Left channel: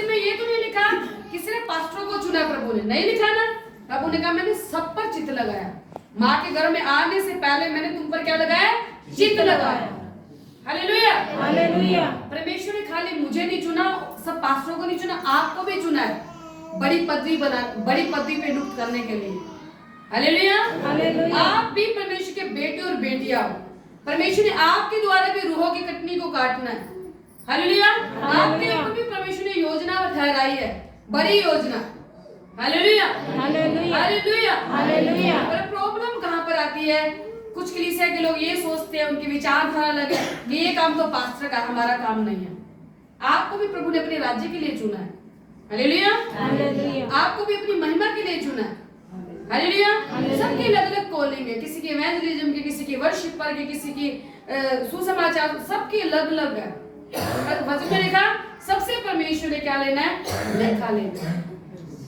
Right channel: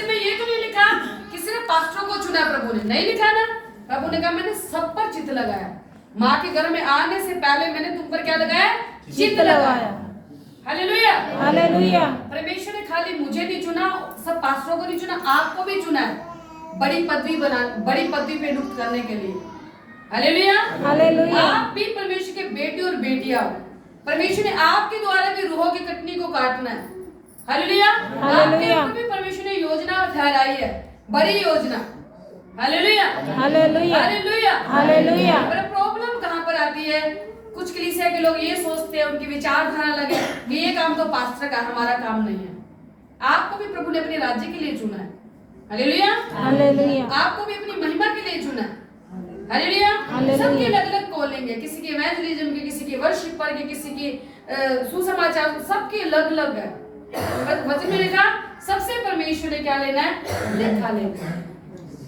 वचन में ये तो नहीं लिखा कि सिर्फ पास्टरों को चुना प्रभु ने, नहीं लिखा ना। प्रभु ने कहा मैंने सब पर चित्त लगाया, माँ के गर्भ में आने से पहले मैंने तुम पर क्या लगाया, चित्त लगाया। Hallelujah hallelujah. परमेश्वर ने खाली मुझे नहीं चुना, सब पास्टरों को नहीं चुना, आपको भी चुना है बड़ी पदवी पे नियुक्त करने के लिए। Hallelujah hallelujah. आप भी परमेश्वर के बेटे और बेटियां हो। परमेश्वर ने आपके द्वारा भी रूहों की कटनी को काटना है। हालेलुया। आपके ऊपर भी परमेश्वर ने योजना ठहराई है, बड़ी योजना। Hallelujah hallelujah hallelujah hallelujah. पर प्रॉब्लम कहाँ पर आती है, कुछ कलीसिया के लोग ये सोचते हैं, उनकी विचारधारा अलग है कि ये काम तो पास्टर का, हमारा काम नहीं है। आपको भी प्रभु ने अपने राज्य के लिए चुना है। Hallelujah hallelujah. आपको भी अपनी महिमा के लिए चुना है। हालेलुया। सबके अलग अलग कॉलिंग है, किसी की इवेंजलिज्म की, किसी की वर्शिपर की, किसी की सुसमाचार, सबकी अलग अलग है। वचन में लिखा सबसे परमेश्वर ने क्या लेना है, लेखा लेना है।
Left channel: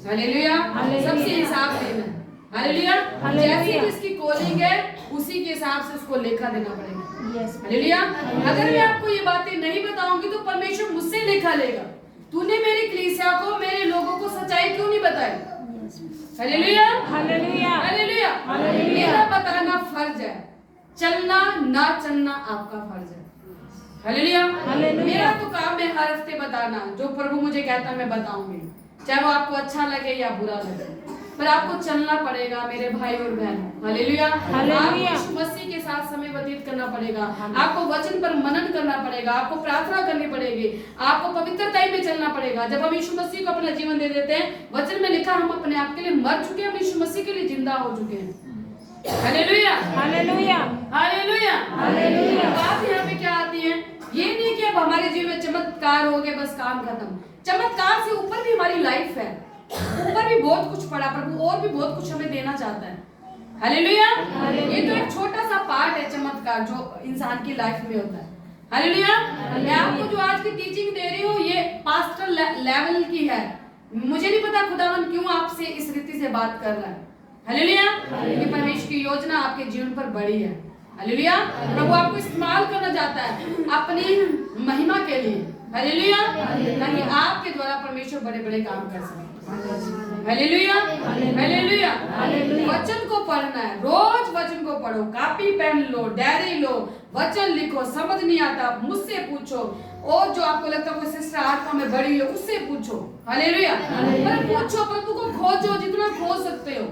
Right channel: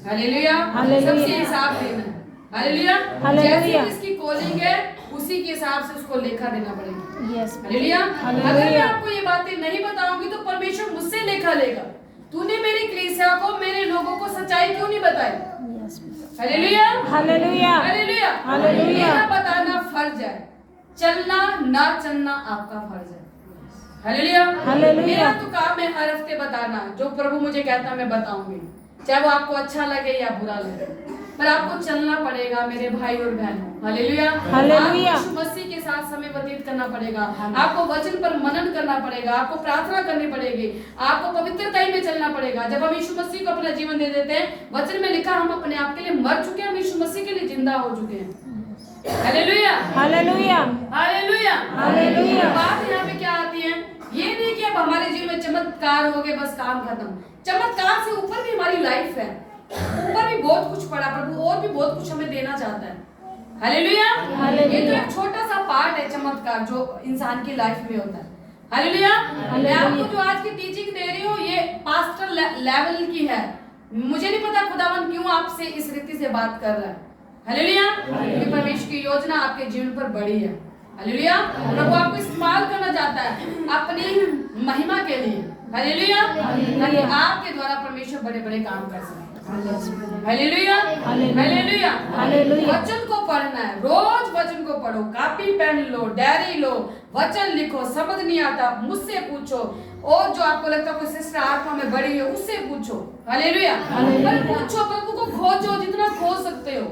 हालेलुया। सबसे हिसाब लेना है। हालेलुया। जैसी जिसकी कॉलिंग है उसी के हिसाब से उसको लेखा देना पड़ेगा। हालेलुया। अगर मैं आपको ये बातें नहीं बताऊंगी तो परमेश्वर मुझसे लेखा लेगा। तूने मेरी कलीसिया को, मेरे लोगों को सच्चाई क्यों नहीं बताई? Hallelujah hallelujah hallelujah hallelujah. मेरा बताना फर्ज है, चलना ना चलना आपका फर्ज है। Hallelujah hallelujah. मेरा तो काम है हर हफ्ते बताना, जो प्रभु मुझे कहता है मैं बताऊंगी, चाहे वो आपको अच्छा लगे या बुरा लगे, पर आपको चलना पड़ेगा मेरे भाई और बहन। Hallelujah hallelujah. आपको मसीह के साथ समय व्यतीत करना पड़ेगा, आपको वचन पर मनन करना पड़ेगा, आपको प्रार्थना करनी पड़ेगी, आपको पवित्रता में चलना पड़ेगा। जब हम यीशु मसीह को अपना जीवन दे देते हैं, वचन में लिखा हम अपने आप के लिए मर चुके हैं, हम यीशु मसीह के लिए जिंदा हो चुके हैं। Hallelujah hallelujah hallelujah hallelujah. बात यहाँ पे क्या आती है, ये नहीं कि अब हमारे जीवन में चमत्कार हो गए बस काम खत्म। चमत्कार से ऊपर भी हमारी लाइफ है, ऊपर भी बहुत कुछ पड़ा, प्रभु और भी बहुत कुछ हमें देना चाहता है। हालेलुया। ये तो एक छोटा सा पार्ट है चमत्कार जो इंसान की लाइफ में होता है। हालेलुया। मैं आपको जो आज की टीचिंग दे रही हूँ ये पास्टर लेवल की है। मुझे नहीं पता खुदावन क्यों आपसे इस रीति से बात कर रहा है। हालेलुया। क्योंकि परमेश्वर की योजना आपके जीवन पर बड़ी है। हालेलुया। प्रभु आपको इस्तेमाल करना चाहता है अपनी महिमा के लिए। हालेलुया। ताकि आपके द्वारा परमेश्वर बड़े बड़े काम कर सके। Hallelujah hallelujah hallelujah. वचन को पढ़ना है, रोज वचन को पढ़ो, कॉपी पेन लो, डायरी लो, वचन लिखो। समझ नहीं आता मुझसे पूछो, और जो आपको लगता है कोई सिस्टर आत्मा में बड़ी है उससे पूछो। हालेलुया। पर पूछो, प्रभु को खोजो जितना खोज सकते हो।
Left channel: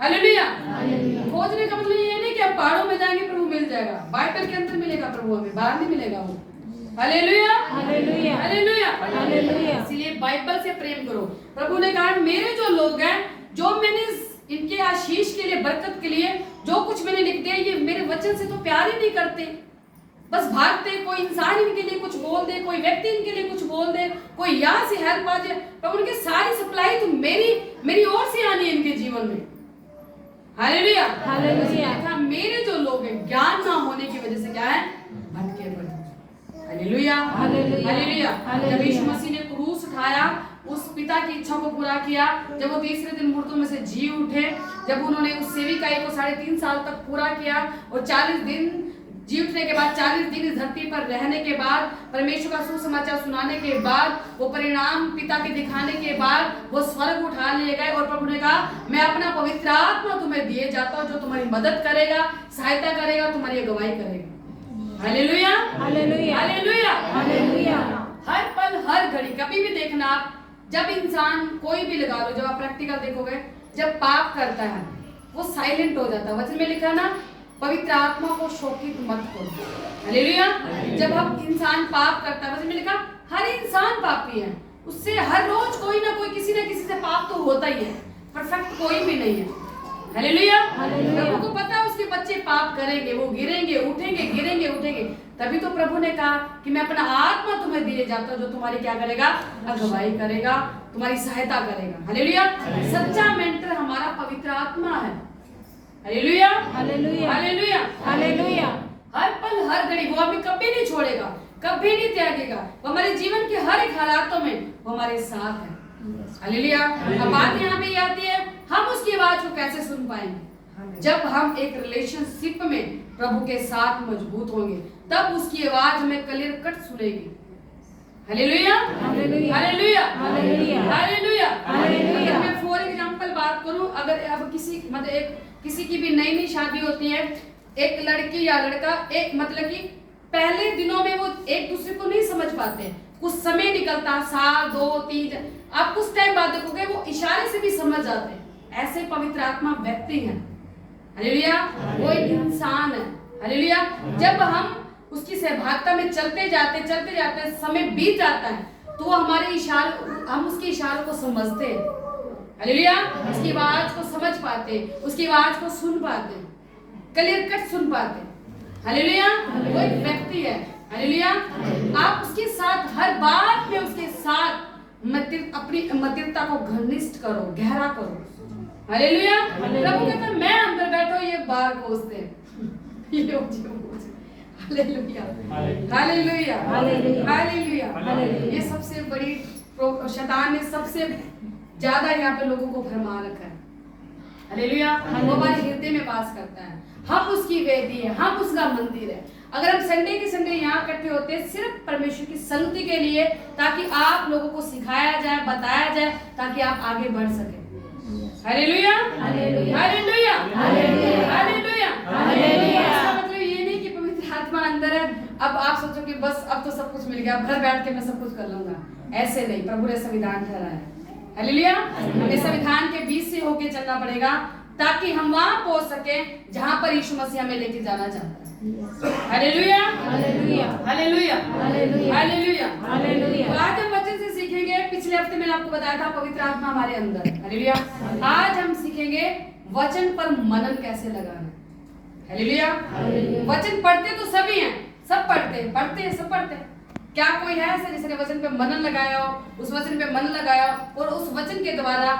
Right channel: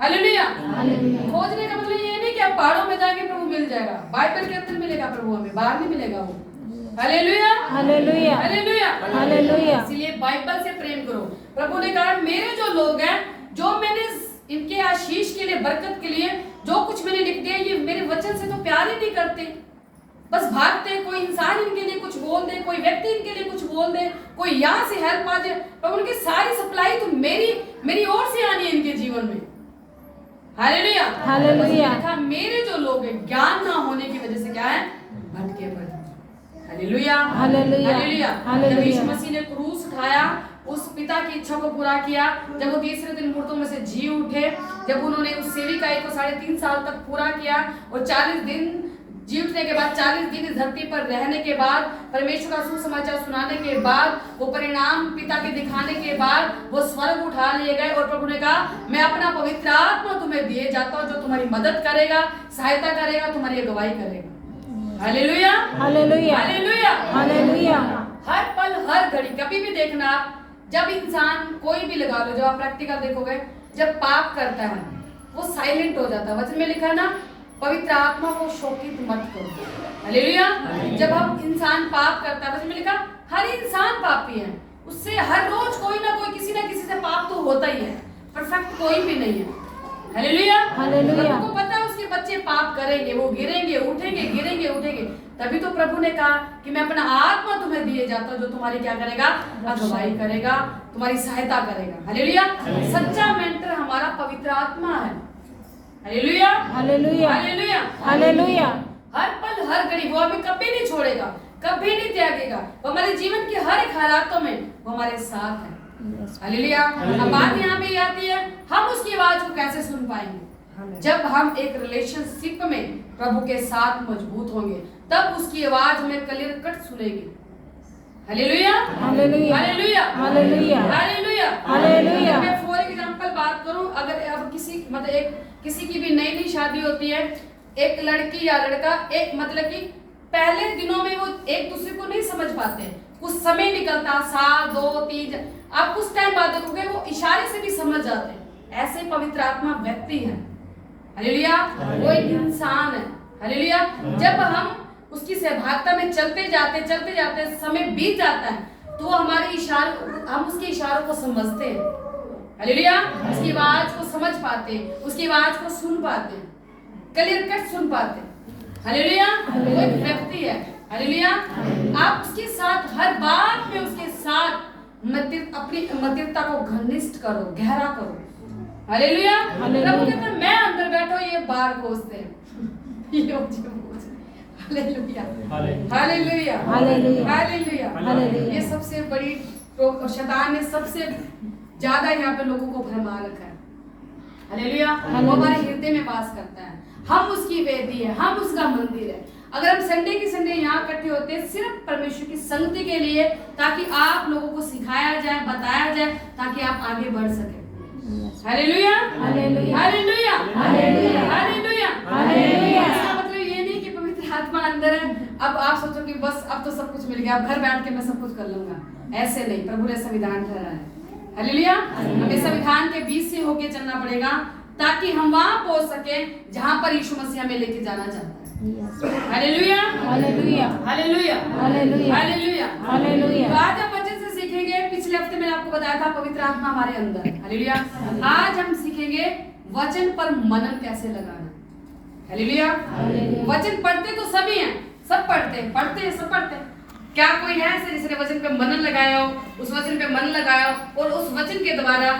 हालेलुया। खोजने का मतलब ये नहीं कि आप पहाड़ों में जाएंगे प्रभु मिल जाएगा, बाइबल के अंदर मिलेगा प्रभु, हमें बाहर नहीं मिलेगा वो। Hallelujah hallelujah hallelujah hallelujah. इसलिए बाइबल से प्रेम करो। प्रभु ने कहा मेरे जो लोग हैं, जो मैंने इनके आशीष के लिए, बरकत के लिए जो कुछ मैंने लिख दिया, ये मेरे वचन से तो प्यार ही नहीं करते, बस भागते। कोई इंसान इनके लिए कुछ बोल दे, कोई व्यक्ति इनके लिए कुछ बोल दे, कोई यहाँ से हेल्प आ जाए, प्रभु उनकी सारी सप्लाई तो मेरी ओर से आनी है इनके जीवन में। Hallelujah hallelujah. मेरे जो लोग हैं ज्ञान ना होने की वजह से क्या है, भटके पड़े। Hallelujah hallelujah hallelujah. जब यीशु मसीह ने क्रूस उठाया, उस पिता की इच्छा को पूरा किया, जब वो तीसरे दिन मुर्दों में से जी उठे, जब उन्होंने उस सेविकाई को 3.5 साल तक पूरा किया, और 40 दिन जी उठने के बाद, 40 दिन इस धरती पर रहने के बाद, परमेश्वर का सुसमाचार सुनाने के बाद, वो परिणाम पिता के दिखाने के बाद वो स्वर्ग उठा लिए गए। और प्रभु ने कहा मैं अपना पवित्र आत्मा तुम्हें दिए जाता हूँ, जो तुम्हारी मदद करेगा, सहायता करेगा, तुम्हारी अगुवाई करेगा। Hallelujah hallelujah hallelujah hallelujah. हर पल हर घड़ी, कभी भी देखना आप, जब इंसान कोई भी लगा लो, जब आप प्रैक्टिकल देखोगे, जब पाप करता है वो साइलेंट हो जाता है। वचन में लिखा ना, पवित्र आत्मा को शोकित मत करो। हालेलुया। जब हम इंसान पाप करता है, वचन में लिखा हर इंसान पापी है, उससे हर रोज कोई ना कोई किसी ना किसी से पाप तो होता ही है, परफेक्ट कोई भी नहीं है। Hallelujah hallelujah. प्रभु को पता है उसके बच्चे पाप करेंगे, वो गिरेंगे उठेंगे, गिरेंगे उठेंगे, तभी तो प्रभु ने कहा कि मैं अपना आत्मा तुम्हें दिए जाता हूं, जो तुम्हारी क्या करेगा, अगुवाई करेगा, तुम्हारी सहायता करेगा। हालेलुया। सच्चा मेंटर हमारा पवित्र आत्मा है। Hallelujah hallelujah hallelujah hallelujah. हर पल हर घड़ी वो हमें कभी नहीं छोड़ेगा, कभी नहीं त्यागेगा। वो हमारे जीवन के हर एक हालातों में वो हमारे साथ है। हालेलुया। अब बात यहाँ पे आती है, हम उसकी आवाज को कैसे सुन पाएंगे? जब हम एक रिलेशनशिप में प्रभु के साथ मजबूत होंगे, तब उसकी आवाज हमें क्लियर कट सुनेगी। हालेलुया हालेलुया हालेलुया शादी होती है, एक लड़की या लड़का एक मतलब कि पहले दिनों में वो एक दूसरे को नहीं समझ पाते, कुछ समय निकलता, साल 2 3, आप कुछ टाइम बाद देखोगे वो इशारे से भी समझ जाते हैं। ऐसे पवित्र आत्मा व्यक्ति है, हालेलुया, वो एक इंसान है, हालेलुया। जब हम उसकी सहभागिता में चलते जाते समय बीत जाता है तो हमारे इशारे, हम उसके इशारों को समझते हैं, हालेलुया, उसकी आवाज को समझ पाते, उसकी आवाज को सुन पाते, क्लियर कट सुन पाते, हालेलुया। वो एक व्यक्ति है, हालेलुया। आप उसके साथ हर बात में उसके साथ अपनी मतिरता को घनिष्ठ करो, गहरा करो, हालेलुया। प्रभु कहता है मैं अंदर बैठो, ये बाहर खोजते हैं, हालेलुया, हालेलुया, हालेलुया। ये सबसे बड़ी शैतान ने सबसे ज्यादा यहाँ पे लोगों को भरमा रखा है, हालेलुया। वो हमारे हृदय में वास करता है, हम उसकी वेदी है, हम उसका मंदिर है। अगर हम संडे के संडे यहाँ इकट्ठे होते हैं सिर्फ परमेश्वर की संगति के लिए, ताकि आप लोगों को सिखाया जाए, बताया जाए, ताकि आप आगे बढ़ सके, hallelujah, hallelujah, hallelujah, hallelujah, hallelujah. इसका मतलब ये नहीं कि पवित्र आत्मा अंदर है, अब आप सोचो कि बस अब तो सब कुछ मिल गया, अब घर बैठ के मैं सब कुछ कर लूंगा, ऐसे नहीं। प्रभु ने संविधान ठहराया है, हालेलुया। हमें संविधान के बीच से होके चलना पड़ेगा ताकि हम वहां पहुंच सके जहां पर यीशु मसीह हमें लेके जाना चाहता है, hallelujah, hallelujah, hallelujah, hallelujah, hallelujah. आज हम वचन से सीखेंगे, पिछले हफ्ते मैंने आपको बताया था पवित्र आत्मा हमारे अंदर, हालेलुया। आज हम सीखेंगे वचन पर मनन कैसे लगाना, हालेलुया। वचन पढ़ते तो सभी हैं, सब पढ़ते हैं, सब पढ़ते हैं। क्या कोई है ऐसे जिसने वचन पे मनन लगाया हो, उस वचन पे मन लगाया हो और उस वचन के द्वारा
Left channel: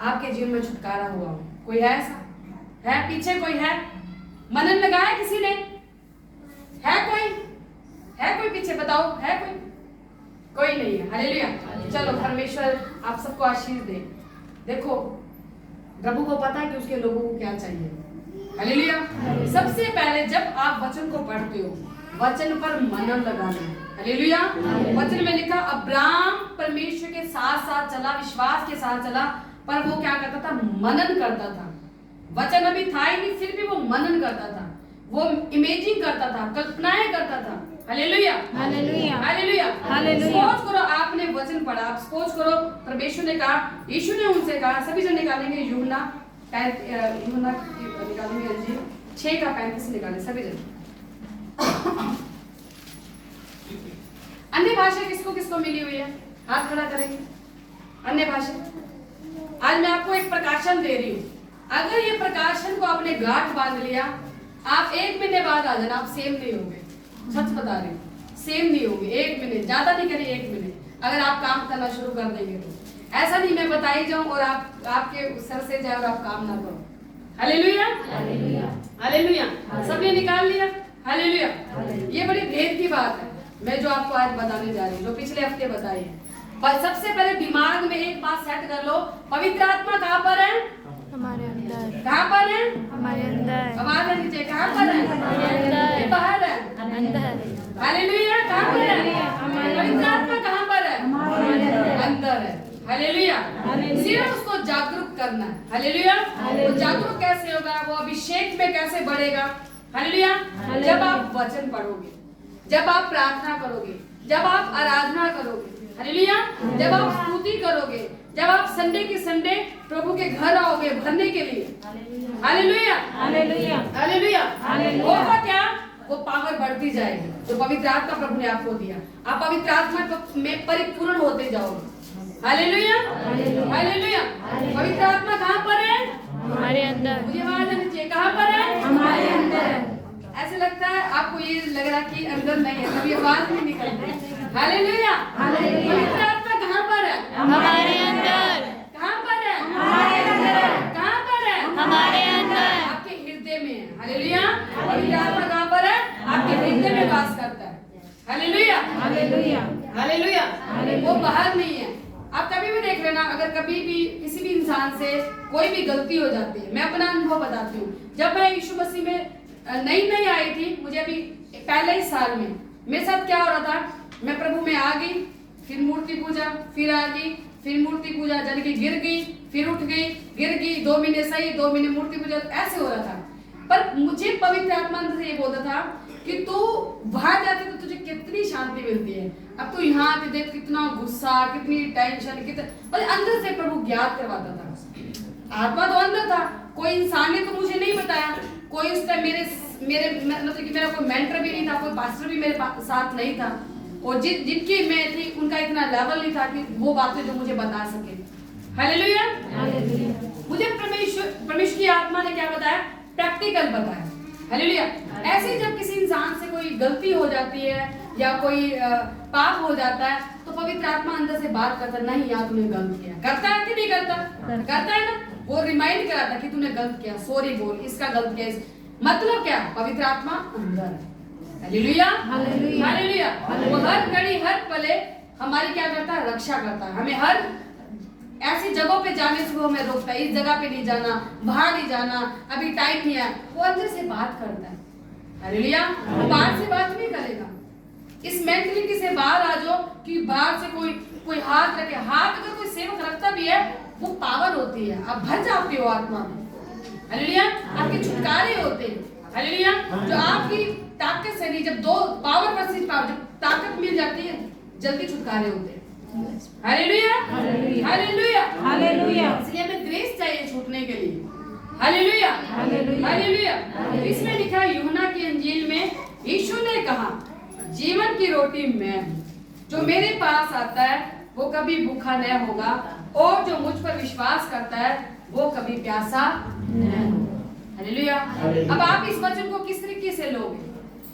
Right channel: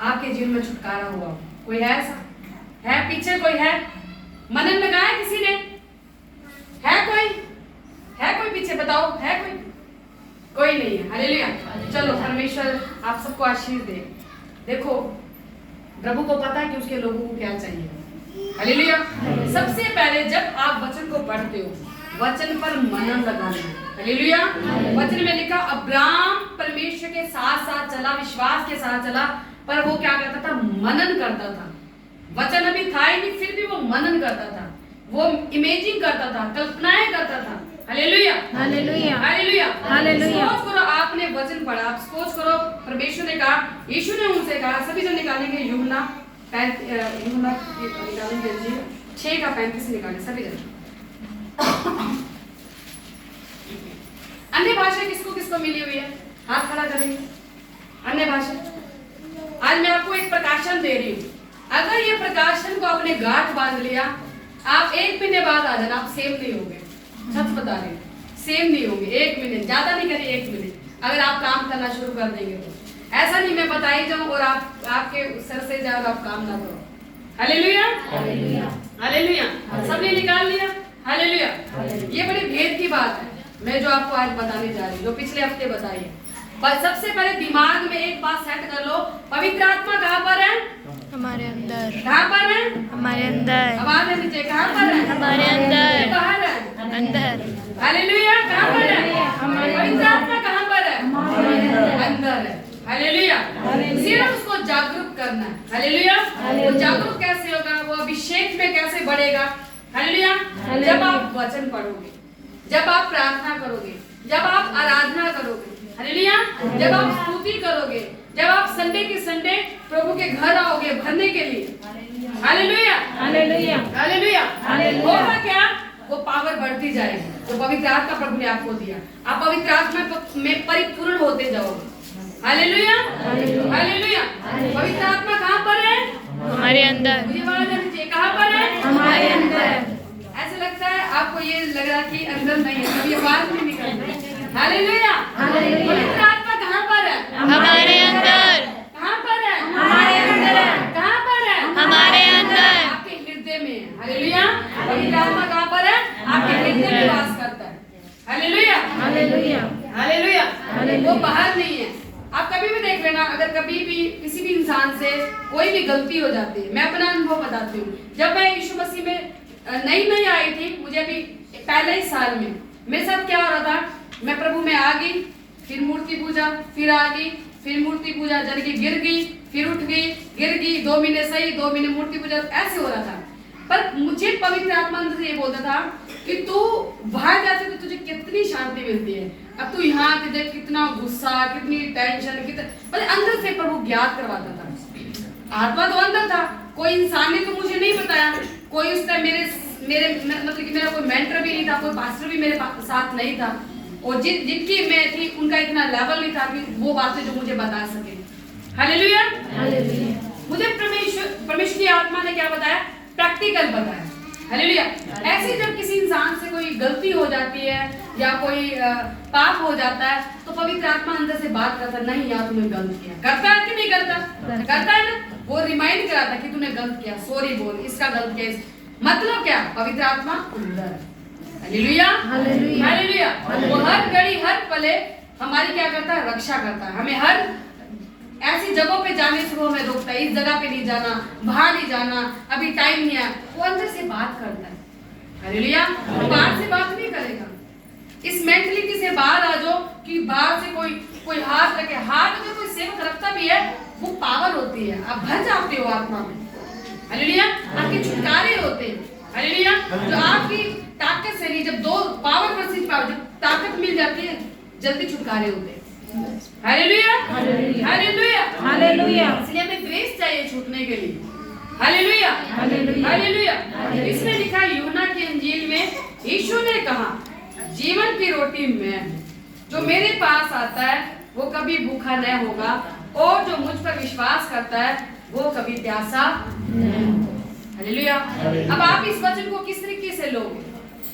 आपके जीवन में छुटकारा हुआ हो? कोई है ऐसा? है पीछे कोई है? मनन लगाया किसी ने? है कोई? है कोई पीछे? बताओ, है कोई? कोई नहीं है, हालेलुया। चलो परमेश्वर आप सबको आशीष दे। देखो प्रभु को पता है कि उसके लोगों को क्या चाहिए, हालेलुया। सबसे पहले जब आप वचन को पढ़ते हो, वचन पर मनन लगाना, हालेलुया। वचन में लिखा अब्राहम परमेश्वर के साथ साथ चला, विश्वास के साथ चला, पर वो क्या करता था? मनन करता था। वचन अभी था ही नहीं, फिर भी वो मनन करता था, वो इमेजिंग करता था, कल्पनाएं करता था, हालेलुया, हालेलुया, हालेलुया, हालेलुया। सोच करो आपने वचन पढ़ा, आप सोच करो परमेश्वर ने कहा, यीशु ने उनसे कहा, सभी जन निकालेंगे यूहन्ना 6:35 निकालें सभी जन। अन्य भाषा किसको किसको मिली हुई है? हाथ खड़ा करेंगे। अन्य भाषा, आज मैं आपको एक प्रकाशन दे रही हूँ, अगर ये प्रकाशन को आपने गांठ बांध लिया, आप 1 महीने बाद आ जाना, आप सेम नहीं होंगे, सच बता रही हूँ, सेम नहीं होंगे। 1 महीने, ज्यादा नहीं करिए, 1 महीने अगर आप काम करना शुरू कर देंगे तो। ऐसा नहीं मैं बताई जाऊं और आप आपके सर से जाए और आप काम ना करो, हालेलुया, हालेलुया, हालेलुया। सबने निकाल लिया, हालेलुया। ये बड़ी भेद की बात है मैं जो आपको आज बताने जा रही हूँ, जो पिछले हफ्ते बताई है। सबसे पहले दिमाग में एक बात सेट कर लो, पवित्र आत्मा कहाँ पर है? हमारे अंदर। कहाँ पर है? हमारे अंदर। आवाज है नीचे, कहाँ पर है? हमारे अंदर। बाहर है? अंदर। हालेलुया, कहाँ पर है? पवित्र आत्मा कहाँ पर है? अंदर है, हालेलुया। सिर्फ उसको जागरूक करना है, हालेलुया। वो जागरूक कैसे होगा? वो अभिषेक में कैसे बढ़ेगा? हालेलुया। जब आप वचन पढ़ोगे, जब आप प्रार्थना करोगे, जब आप आराधना करोगे, हालेलुया, जब आप स्तुति करोगे, जब आप संडे के संडे प्रभु के घर आओगे भरने के लिए, हालेलुया, हालेलुया, हालेलुया, होगा क्या? वो पावर बढ़ती जाएगी जो पवित्र आत्मा प्रभु ने आपको दिया। आप पवित्र आत्मा में परिपूर्ण होते जाओगे, हालेलुया, हालेलुया। पवित्र आत्मा कहाँ पर है? हमारे अंदर। मुझे आवाज आनी चाहिए, कहाँ पर है? हमारे अंदर। ऐसे लगता है आपको ये लग रहा कि अंदर नहीं है, कभी आवाज नहीं निकल रही, हालेलुया। पवित्र आत्मा कहाँ पर है? हमारे अंदर। कहाँ पर है? हमारे अंदर। कहाँ पर है? हमारे अंदर। आपके हृदय में है, हालेलुया। पवित्र आत्मा कहाँ पर है? आपके हृदय में वास करता है, हालेलुया, हालेलुया, हालेलुया। वो बाहर नहीं है। आप कभी भी देख लेना, अगर कभी भी किसी भी इंसान से कोई भी गलती हो जाती है, मैं अपना अनुभव बताती हूँ। जब मैं यीशु मसीह में नई आई थी, मुझे अभी पहले ही साल में मेरे साथ क्या हो रहा था, मैं प्रभु में आ गई, फिर मूर्ति पूजा, फिर आ गई, फिर मूर्ति पूजा जल की गिर गई, फिर उठ गई, गिर गई, 2 महीने सही, 2 महीने मूर्ति पूजा, ऐसे हो रहा था। पर मुझे पवित्र आत्मा अंदर से ये बोलता था कि तू बाहर जाते तो तुझे कितनी शांति मिलती है, अब तू यहाँ पे देख कितना गुस्सा, कितनी टेंशन, कितना मतलब अंदर से प्रभु ज्ञात करवाता था। आत्मा तो अंदर था, कोई इंसान ने तो मुझे नहीं बताया, कोई उस टाइम मेरे मतलब कि मेरा कोई मेंटर भी नहीं था, कोई पास्टर भी मेरे साथ नहीं था, और जिनकी मैं थी उनका इतना लेवल नहीं था कि वो बातें जो मुझे बता सके। हालेलुया। मुझे परमेश्वर की आत्मा ने क्या बताया? प्रैक्टिकल बताया। हालेलुया। ऐसे जब किसी इंसान से कोई गलती हो जाती है या कोई पाप हो जाता है तो पवित्र आत्मा अंदर से बात करता है, नहीं यार तूने गलत किया। करता है कि नहीं करता? करता है ना। वो रिमाइंड कराता कि तूने गलत किया, सॉरी बोल, इसका गलत किया। मतलब क्या? पवित्र आत्मा अंदर। हालेलुया। हालेलुया। वो हर घड़ी हर पले हमारी क्या करता है? रक्षा करता है। हमें हर ऐसी जगहों पे जाने से वो हमें रोकता है, इस जगह पे नहीं जाना, बाहर नहीं जाना, अभी टाइम नहीं है। वो अंदर से बात करता है। हालेलुया। वो बाहर से बात नहीं करेगा। इस मेंटलिटी से बाहर आ जाओ कि बाहर से कोई हाथ रखे। हाथ अगर कोई सेवक रखता भी है वो पावर होती है, आप भर जाते हो आत्मा में। हालेलुया। आपके छुटकारे होते हैं। हालेलुया। जो आपकी ताकत से नहीं, जब दो पावर वर्सेस पावर, जब ताकत मिल जाती है जल्दी छुटकारे होते हैं। हालेलुया। हालेलुया। हालेलुया। इसलिए हमें ग्रेस चाहिए छूटने के लिए। हालेलुया। हालेलुया। इसमें लिखा है यूहन्ना की इंजील में, यीशु ने कहा जीवन की रोटी मैं हूं, जो मेरे पास आता है वो कभी भूखा नहीं होगा, और जो मुझ पर विश्वास करता है वो कभी प्यासा नहीं होगा। हालेलुया। अब आप इस वचन को किस तरीके से लोगे?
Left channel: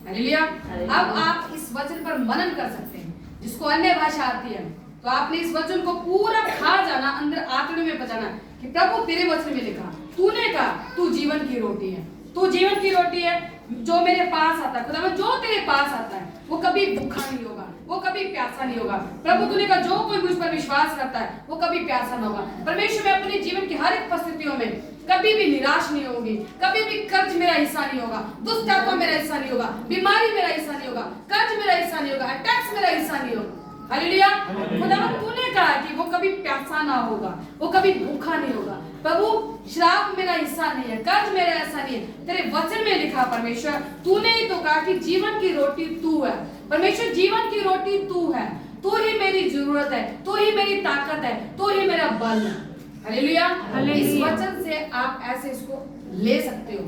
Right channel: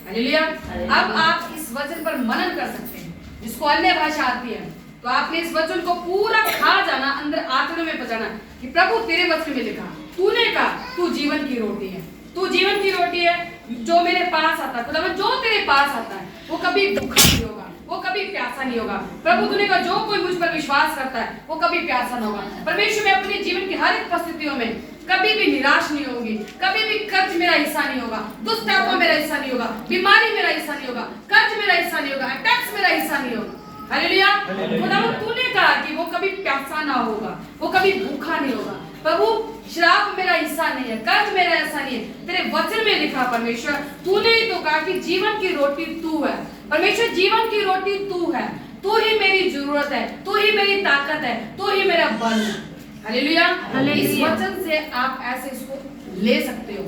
हालेलुया। अब आप इस वचन पर मनन कर सकते हैं। जिसको अन्य भाषा आती है तो आपने इस वचन को पूरा खा जाना, अंदर आत्मा में बचाना कि प्रभु तेरे वचन में लिखा, तूने कहा तू जीवन की रोटी है, तू जीवन की रोटी है, जो मेरे पास आता है, खुदा जो तेरे पास आता है वो कभी भूखा नहीं होगा, वो कभी प्यासा नहीं होगा। प्रभु तूने कहा जो कोई मुझ पर विश्वास करता है वो कभी प्यासा नहीं होगा। परमेश्वर मैं अपने जीवन की हर एक परिस्थितियों में कभी भी निराश नहीं होगी, कभी भी कर्ज मेरा हिस्सा नहीं होगा, दुष्ट आत्मा मेरा हिस्सा नहीं होगा, बीमारी मेरा हिस्सा नहीं होगा, कर्ज मेरा हिस्सा नहीं होगा, अटैक्स मेरा हिस्सा नहीं होगा। हालेलुया। खुदावंद तूने कहा कि वो कभी प्यासा ना होगा, वो कभी भूखा नहीं होगा। प्रभु श्राप मेरा हिस्सा नहीं है, कर्ज मेरा हिस्सा नहीं है। तेरे वचन में लिखा परमेश्वर, तूने ही तो कहा कि जीवन की रोटी तू है। परमेश्वर जीवन की रोटी तू है, तू ही मेरी जरूरत है, तू ही मेरी ताकत है, तू ही मेरा बल है। हालेलुया। इस वचन से आप ऐसे इसको ले सकते हो,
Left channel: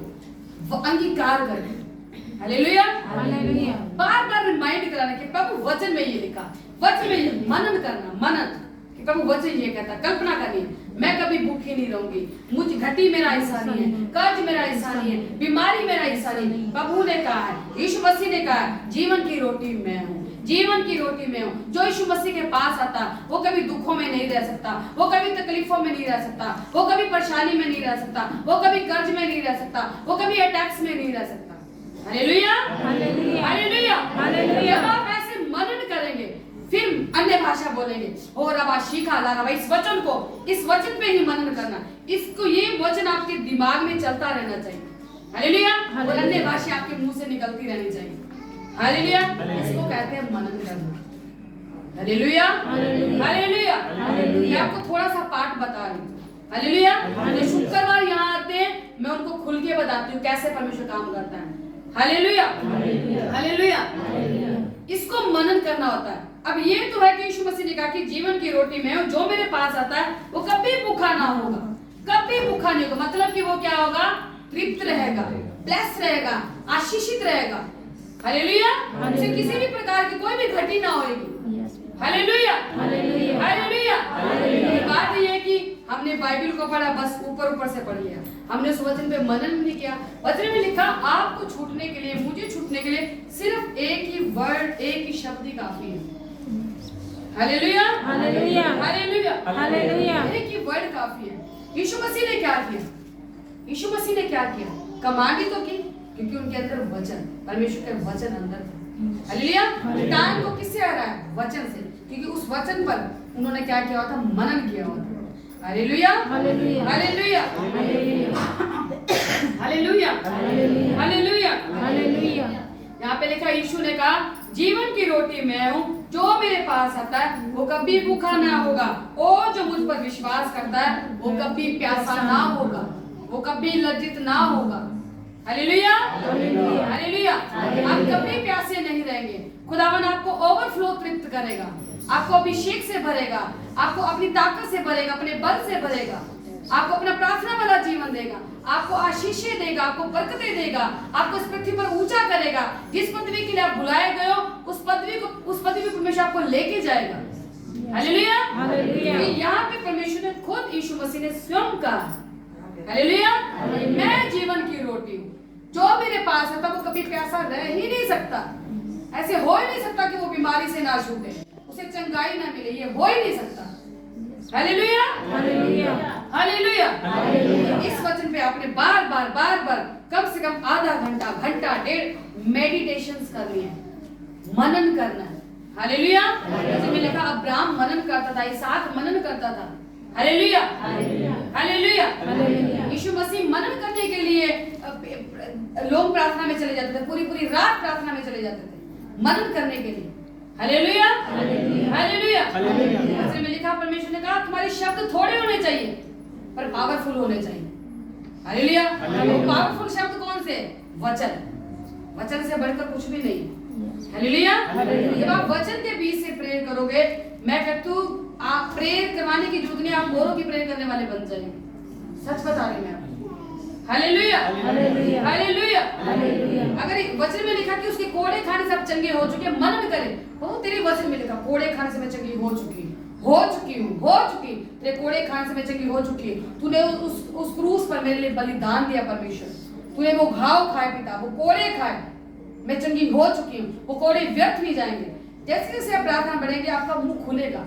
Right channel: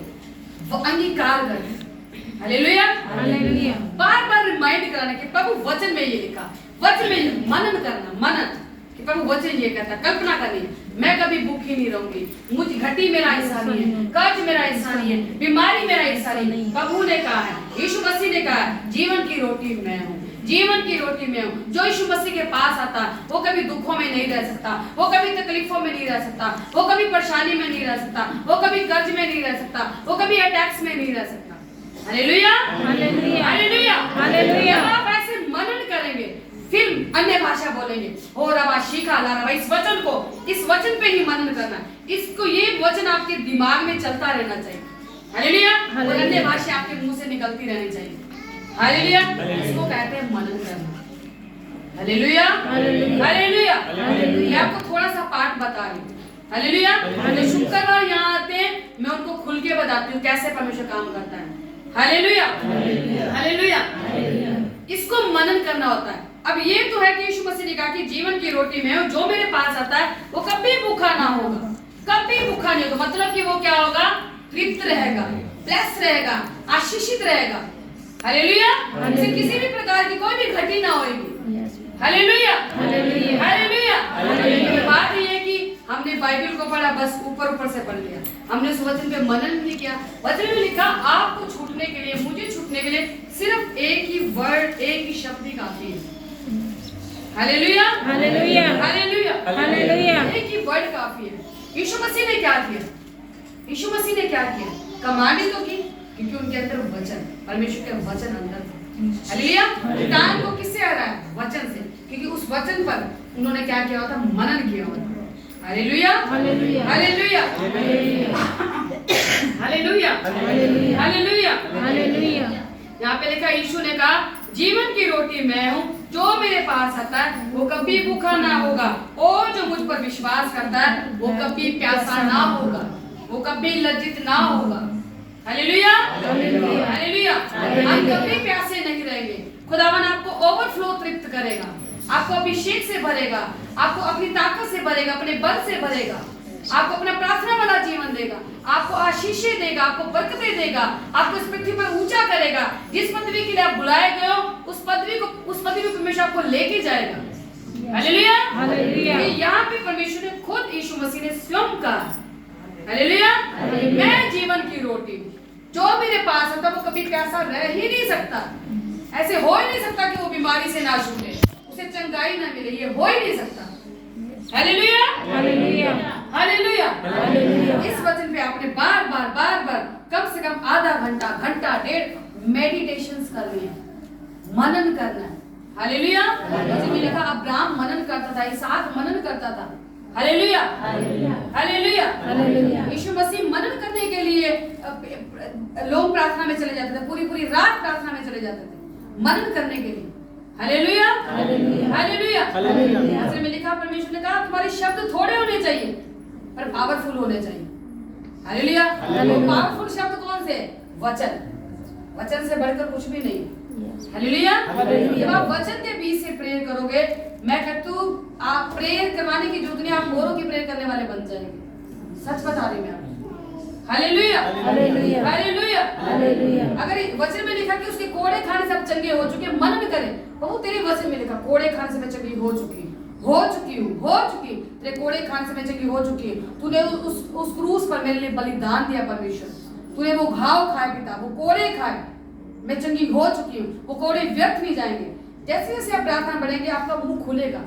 वो अंगीकार करके। हालेलुया। हालेलुया। बार बार रिमाइंड कराने के प्रभु वचन में ये लिखा, वचन में मनन करना, मनन कि प्रभु वचन ये कहता, कल्पना करनी मैं कभी भूखी नहीं रहूंगी, मुझ घटी मेरा हिस्सा नहीं है, कर्ज मेरा हिस्सा नहीं है, बीमारी मेरा हिस्सा नहीं। प्रभु ने कहा है, यीशु मसीह ने कहा है, जीवन की रोटी मैं हूँ, जीवन की रोटी में हूँ। जो यीशु मसीह के पास आता वो कभी दुखों में नहीं रह सकता, वो कभी तकलीफों में नहीं रह सकता, वो कभी परेशानी में नहीं रह सकता, वो कभी कर्ज में नहीं रह सकता, वो कभी अटैक्स में नहीं रह सकता। हालेलुया। हालेलुया। हालेलुया। आप ऐसे मनन करेंगे फिर अन्य भाषा बोलेंगे, हो रबा शीखा ला रबा। इस वचन को, इस वचन पे ही मनन करना, इसको, ये वचन आपके दिमाग में चलता रहना चाहिए। हालेलुया। और अन्य भाषा आपके मुंह से निकलती रहनी चाहिए। हालेलुया। इसको कहते हैं मनन करना। हालेलुया। हालेलुया। मैं आपको थोड़ा सा पाठ बता रही हूँ। हालेलुया। जो शुक्रवार यहाँ आते हैं मैं उनको खुल के बताती हूँ कैसे परमेश्वर काम करता है। हालेलुया। हालेलुया। इसको मनन करना होता है। अब ये तो है कि यीशु मसीह ने कहा कि जीवन की रोटी में जो मेरे पास आता है वो कभी भूखा ना होगा, कभी भूखा नहीं होगा। मतलब कि वो क्या होगा? तृप्त रहेगा, ब्लेस रहेगा, आशीषित रहेगा। हालेलुया। उसे किसी भी प्रकार की कोई भी घटी ना होगी। हालेलुया। हालेलुया। बात ये है कि हमने बाइबल को पढ़ा, बस ऊपर ऊपर से पढ़ लिया, हमने उस वचन पे मनन नहीं किया। वचन में लिखा आपको छूटने के लिए, मुझे छूटने के लिए सिर्फ एक ही वर्ड, एक ही शब्द ही काफी है। हालेलुया। हालेलुया। हालेलुया। हालेलुया। एक ही वर्ड काफी है। यीशु मसीह ने क्या किया? यीशु मसीह ने क्या किया? कमांड तो की, क्योंकि उनके अंदर वचन, परमेश्वर के वचन अंदर था। हालेलुया। टाइम को किससे आ रहा है? वचन से, क्योंकि उस वचन पर उन्होंने क्या किया होता? मनन किया होता। Hallelujah. Hallelujah. Hallelujah. Hallelujah. Hallelujah. Hallelujah. यहाँ पे लिखा यीशु ने कहा जीवन की रोटी मैं हूँ, जो मेरे पास आता है वो कभी भूखा ना होगा, और जो मुझ पर विश्वास करता है वो कभी प्यासा ना होगा, वो कभी लज्जित ना होगा। Hallelujah, hallelujah. हम कभी प्यासे नहीं रहेंगे। खुदावन आपको ओवरफ्लो तृप्त करेगा, आपको अभिषेक से भरेगा, आपको अपनी ताकत से भरेगा, अपने बल से भरेगा, आपको अपना प्रार्थना वाला जीवन देगा, आपको आशीषें देगा, आपको बरकतें देगा, आपको इस पृथ्वी पर ऊंचा करेगा। जिस पदवी के लिए आप बुलाए गए हो उस पदवी को परमेश्वर आपको लेके जाएगा। हालेलुया, यहाँ पे परमेश्वर ने खुद यीशु मसीह ने स्वयं कहा, हालेलुया, मैं जीवन की रोटी हूँ, जो मेरे पास होता वो कभी प्यासा रह ही नहीं सकता। ऐसे हो ही नहीं सकता कि वो बीमारी से ना छूटे, उसे चंगाई ना मिले, ये हो ही नहीं सकता। Hallelujah, hallelujah. इस वचन पे आपने बार बार कम से कम आधा घंटा डेढ़ मेडिटेशंस करनी है, मनन करना है। हालेलुया, जैसे मैं लिखा अब्राहम मनन करता था, इसहाक मनन करता था। Hallelujah, hallelujah. यीशु मसीह मनन करने के लिए लोग प्रार्थना में चले जाते थे, पूरी रात प्रार्थना में चले जाते थे मनन करने के लिए। Hallelujah, hallelujah. में लिखा परमेश्वर ने कहा तुम्हारे शब्द थोड़े होने चाहिए पर पावरफुल होने चाहिए। हालेलुया, पावरफुल शब्द कौन से? वचन से बढ़कर कुछ भी नहीं। हालेलुया, जब आप वचन के बीच से प्रेयर करोगे, मैं कहती हूँ आप प्रेयर करवाने की जरूरत नहीं, आप औरों की प्रेयर करने वाले बन जाएंगे। सच बता रही मैं आपको। Hallelujah, hallelujah. अगर वचन में लिखा कि उसके कोड़े खाने से आप चंगे हो चुके, मनन करें। बहुत तेरे वचन में लिखा कोड़े खाने से मैं चंगी हो चुकी हूँ, तेरे कोड़े खाने से मैं चंगी हो चुकी हूँ। तूने उस क्रूस पर मेरे लिए बलिदान दिया परमेश्वर, तूने वो घाव खाए पिता, वो कोड़े खाए, मैं चंगी हो चुकी हूँ, वो कोड़े व्यर्थ नहीं जाएंगे। जैसे जैसे आप प्रार्थना बढ़ेंगे आपका मुंह खुलेगा।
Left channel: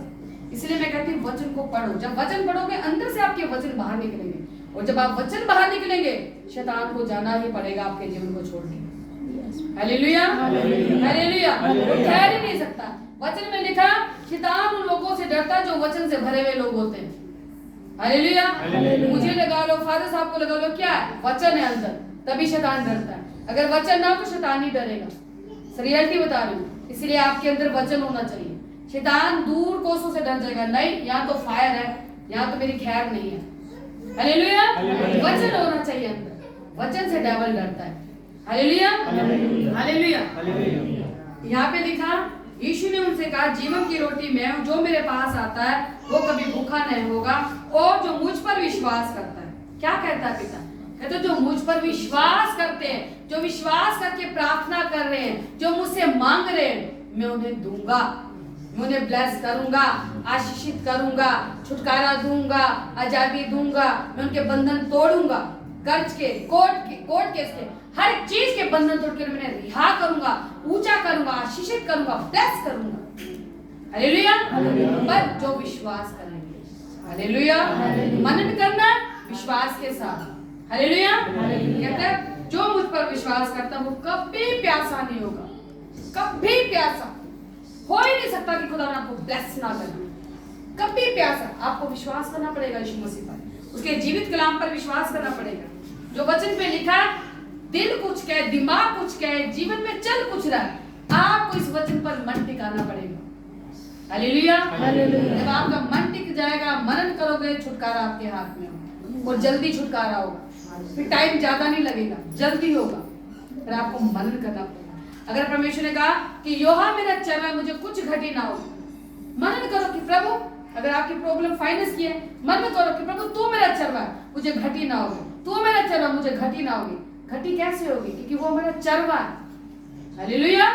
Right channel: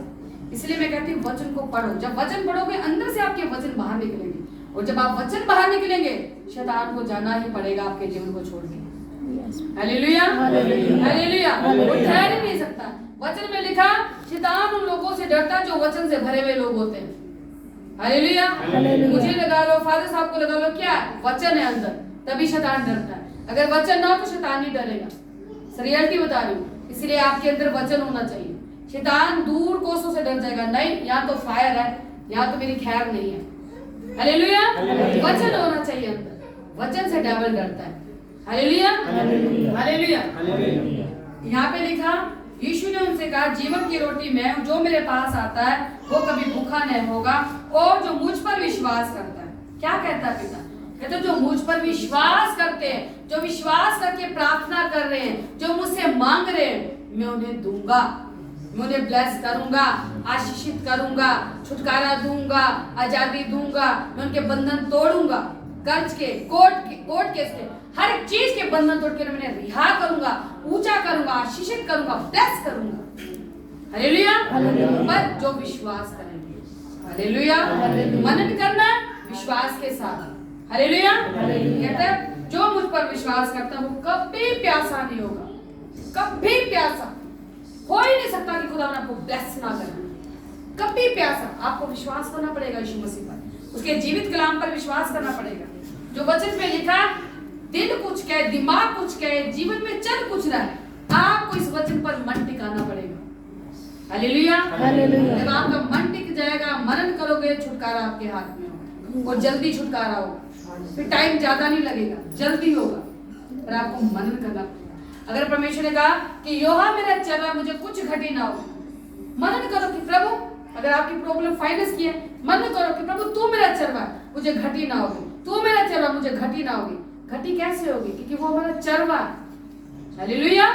इसलिए मैं कहती हूँ वचन को पढ़ो। जब वचन पढ़ोगे अंदर से आपके वचन बाहर निकलेंगे, और जब आप वचन बाहर निकलेंगे शैतान को जाना ही पड़ेगा आपके जीवन को छोड़ के। Hallelujah, hallelujah. वो ठहर ही नहीं सकता। वचन में लिखा शैतान उन लोगों से डरता जो वचन से भरे हुए लोग होते हैं। हालेलुया, मुझे लगा लो, फादर साहब को लगा लो, क्या वचन है अंदर, तभी शैतान डरता है। अगर वचन ना हो तो शैतान नहीं डरेगा। रियलिटी बता रही हूँ। इसलिए आपके अंदर वचन होना चाहिए। शैतान दूर कोसों से डर जाएगा, नहीं यहाँ तो फायर है, यहाँ तो मेरी खैर नहीं है। हालेलुया, वचन होना चाहिए अंदर, वचन से डेविल डरता है। Hallelujah, hallelujah. यहाँ पे लिखा यीशु ने उनसे कहा जीवन की रोटी मैं हूँ, जो मेरे पास आता है वो कभी भूखा नहीं होगा, और जो मुझ पर विश्वास करता है। क्या कहता है पिता? कहते जो मुझ पर विश्वास करते हैं, जो विश्वास करके प्रार्थना कर रहे हैं, जो मुझसे मांग रहे हैं, मैं उन्हें दूंगा, मैं उन्हें ब्लेस करूंगा, आशीषित करूंगा, छुटकारा दूंगा, आजादी दूंगा, मैं उनके बंधन तोड़ूंगा, कर्ज के, कोर्ट केस के, हर चीज के बंधन तोड़कर मैं रिहा करूंगा, ऊंचा करूंगा, आशीषित करूंगा, ब्लेस करूंगा। हालेलुया, पर जो विश्वास करेंगे। हालेलुया, मनन करना विश्वास के साथ। हालेलुया, कहता है जो मुझ पर विश्वास करता है वो कभी प्यासा नहीं होगा, कभी प्यासा हो ही नहीं सकता कि खुदा आपको ब्लेस ना करे। कभी प्यासा, आपको विश्वास करना पड़ेगा यीशु मसीह पर, उसके जीवित कलाम पर विश्वास करना पड़ेगा। जो वचन पे लिखा दिल कुछ कहे, दिमाग कुछ कहे, जीवन में चल कुछ रहा है, आपको इस वचन पर मन टिकाना पड़ेगा। हालेलुया, जब आपका मन टिक जाएगा, मनन करोगे, छुटकारा आपके हाथ में होगा, और जल्दी छुटकारा होगा। फिर टाइम ज्यादा नहीं लगेगा, जल्दी होगा, पर आपको मनन करना पड़ेगा। अगर परमेश्वर ने कहा कि योहा मेरा चरवा, मुझे कुछ घटी ना हो, मनन करो कि प्रभु, अगर आपकी प्रॉब्लम फाइनेंस की है, मनन करो कि प्रभु तू मेरा चरवा, मुझे घटी ना होगी, तू मेरा चरवा, मुझे घटी ना होगी। घटी कैसे होगी? क्योंकि वो हमारा चरवा है। हालेलुया,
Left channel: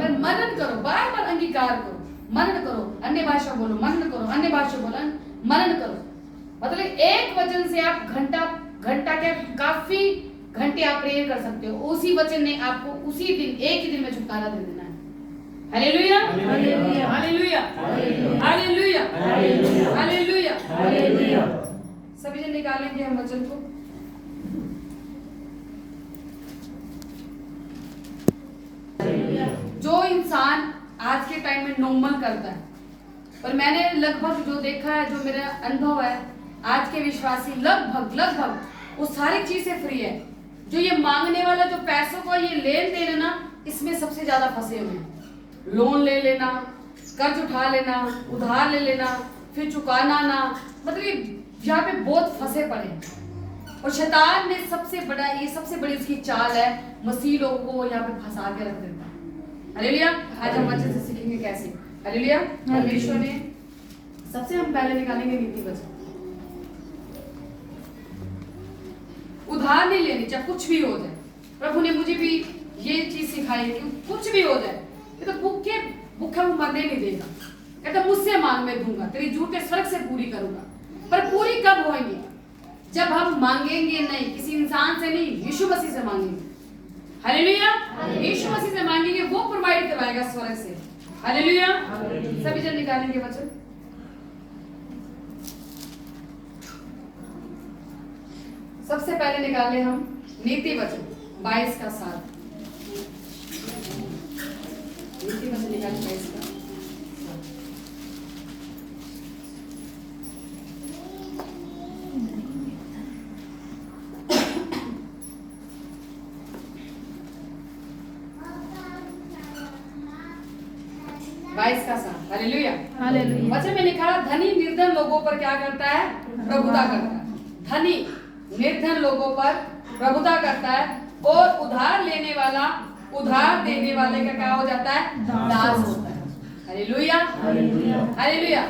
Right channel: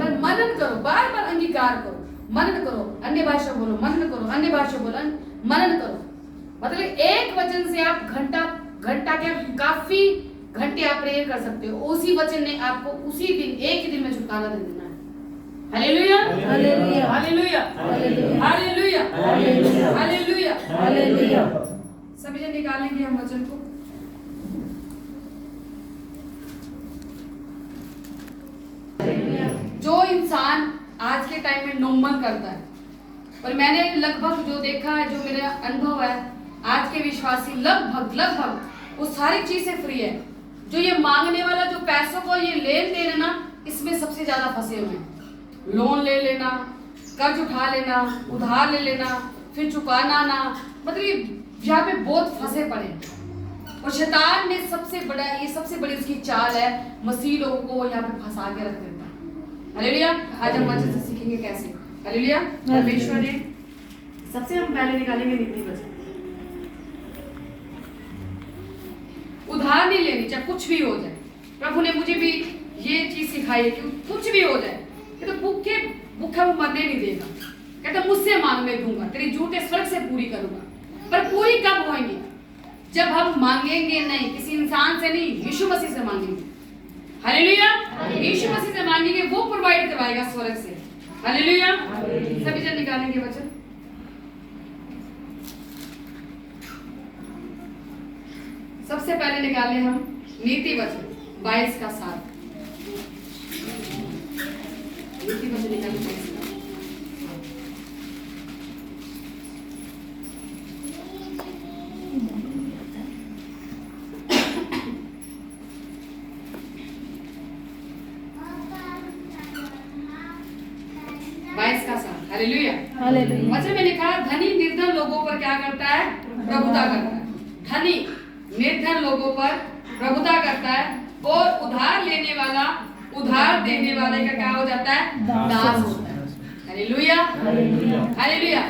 पर मनन करो, बार बार अंगीकार करो, मनन करो, अन्य भाषा बोलो, मनन करो, अन्य भाषा बोलो, मनन करो। मतलब एक वचन से आप घंटा के काफी घंटे आप प्रेयर कर सकते हो। उसी वचन ने आपको उसी दिन, एक ही दिन में छुटकारा दे देना है। Hallelujah, hallelujah, hallelujah, hallelujah, hallelujah, hallelujah. सभी जन निकालेंगे हम वचन को। जो इंसान आज के टाइम में नॉर्मल करता है, और मैंने लगभग जो देखा है, जो मेरा अनुभव है, आज के विश्वासी लगभग वो सारी चीजें फ्री है। जो ये मांगने वाला, जो पैसों को ये लेन देन है ना, इसमें सबसे ज्यादा फंसे हुए हैं। लोन ले लेना, कर्ज उठा लेना, उधार ले लेना, फिर चुकाना ना, मतलब यहाँ पे बहुत फंसे पड़े। और शैतान ने सबसे बड़ी उसकी चाल है, मसीह लोगों को यहाँ पे फंसा के रख देता है। हालेलुया। आज हम अच्छे से सीखेंगे कैसे। हालेलुया। परमेश्वर ने सबसे हम पहले निकालेंगे नीति वचन। उधार नहीं लेनी, चाहे कुछ भी हो जाए। प्रभु ने मुझे भी ये चीज सिखाई है कि कुछ भी हो जाए, कि तो भूखा वो मरने नहीं देगा। कहता मुझसे मांग मैं दूंगा, तेरी जरूरतें स्वर्ग से पूरी करूंगा। पर पूरी कब होंगी? जब हम मांगेंगे नहीं, किसी इंसान से नहीं, यीशु मसीह से मांगेंगे। हालेलुया। यीशु मसीह से मांगेंगे, वो प्रोवाइड करवाएगा स्वर्ग से। हालेलुया। सभी जन निकालेंगे वचन। सबसे पहले निकाले हम नीति वचन 22 का 7। नीति वचन निकाले 22 का। हालेलुया। वचन में लिखा, धनी निर्धन लोगों पर क्या करता है? प्रभुता करता है। धनी निर्धन लोगों पर प्रभुता करता है, और उधार लेने वाला उधार देने वाले का क्या हो जाता है? दास होता है। हालेलुया। हालेलुया।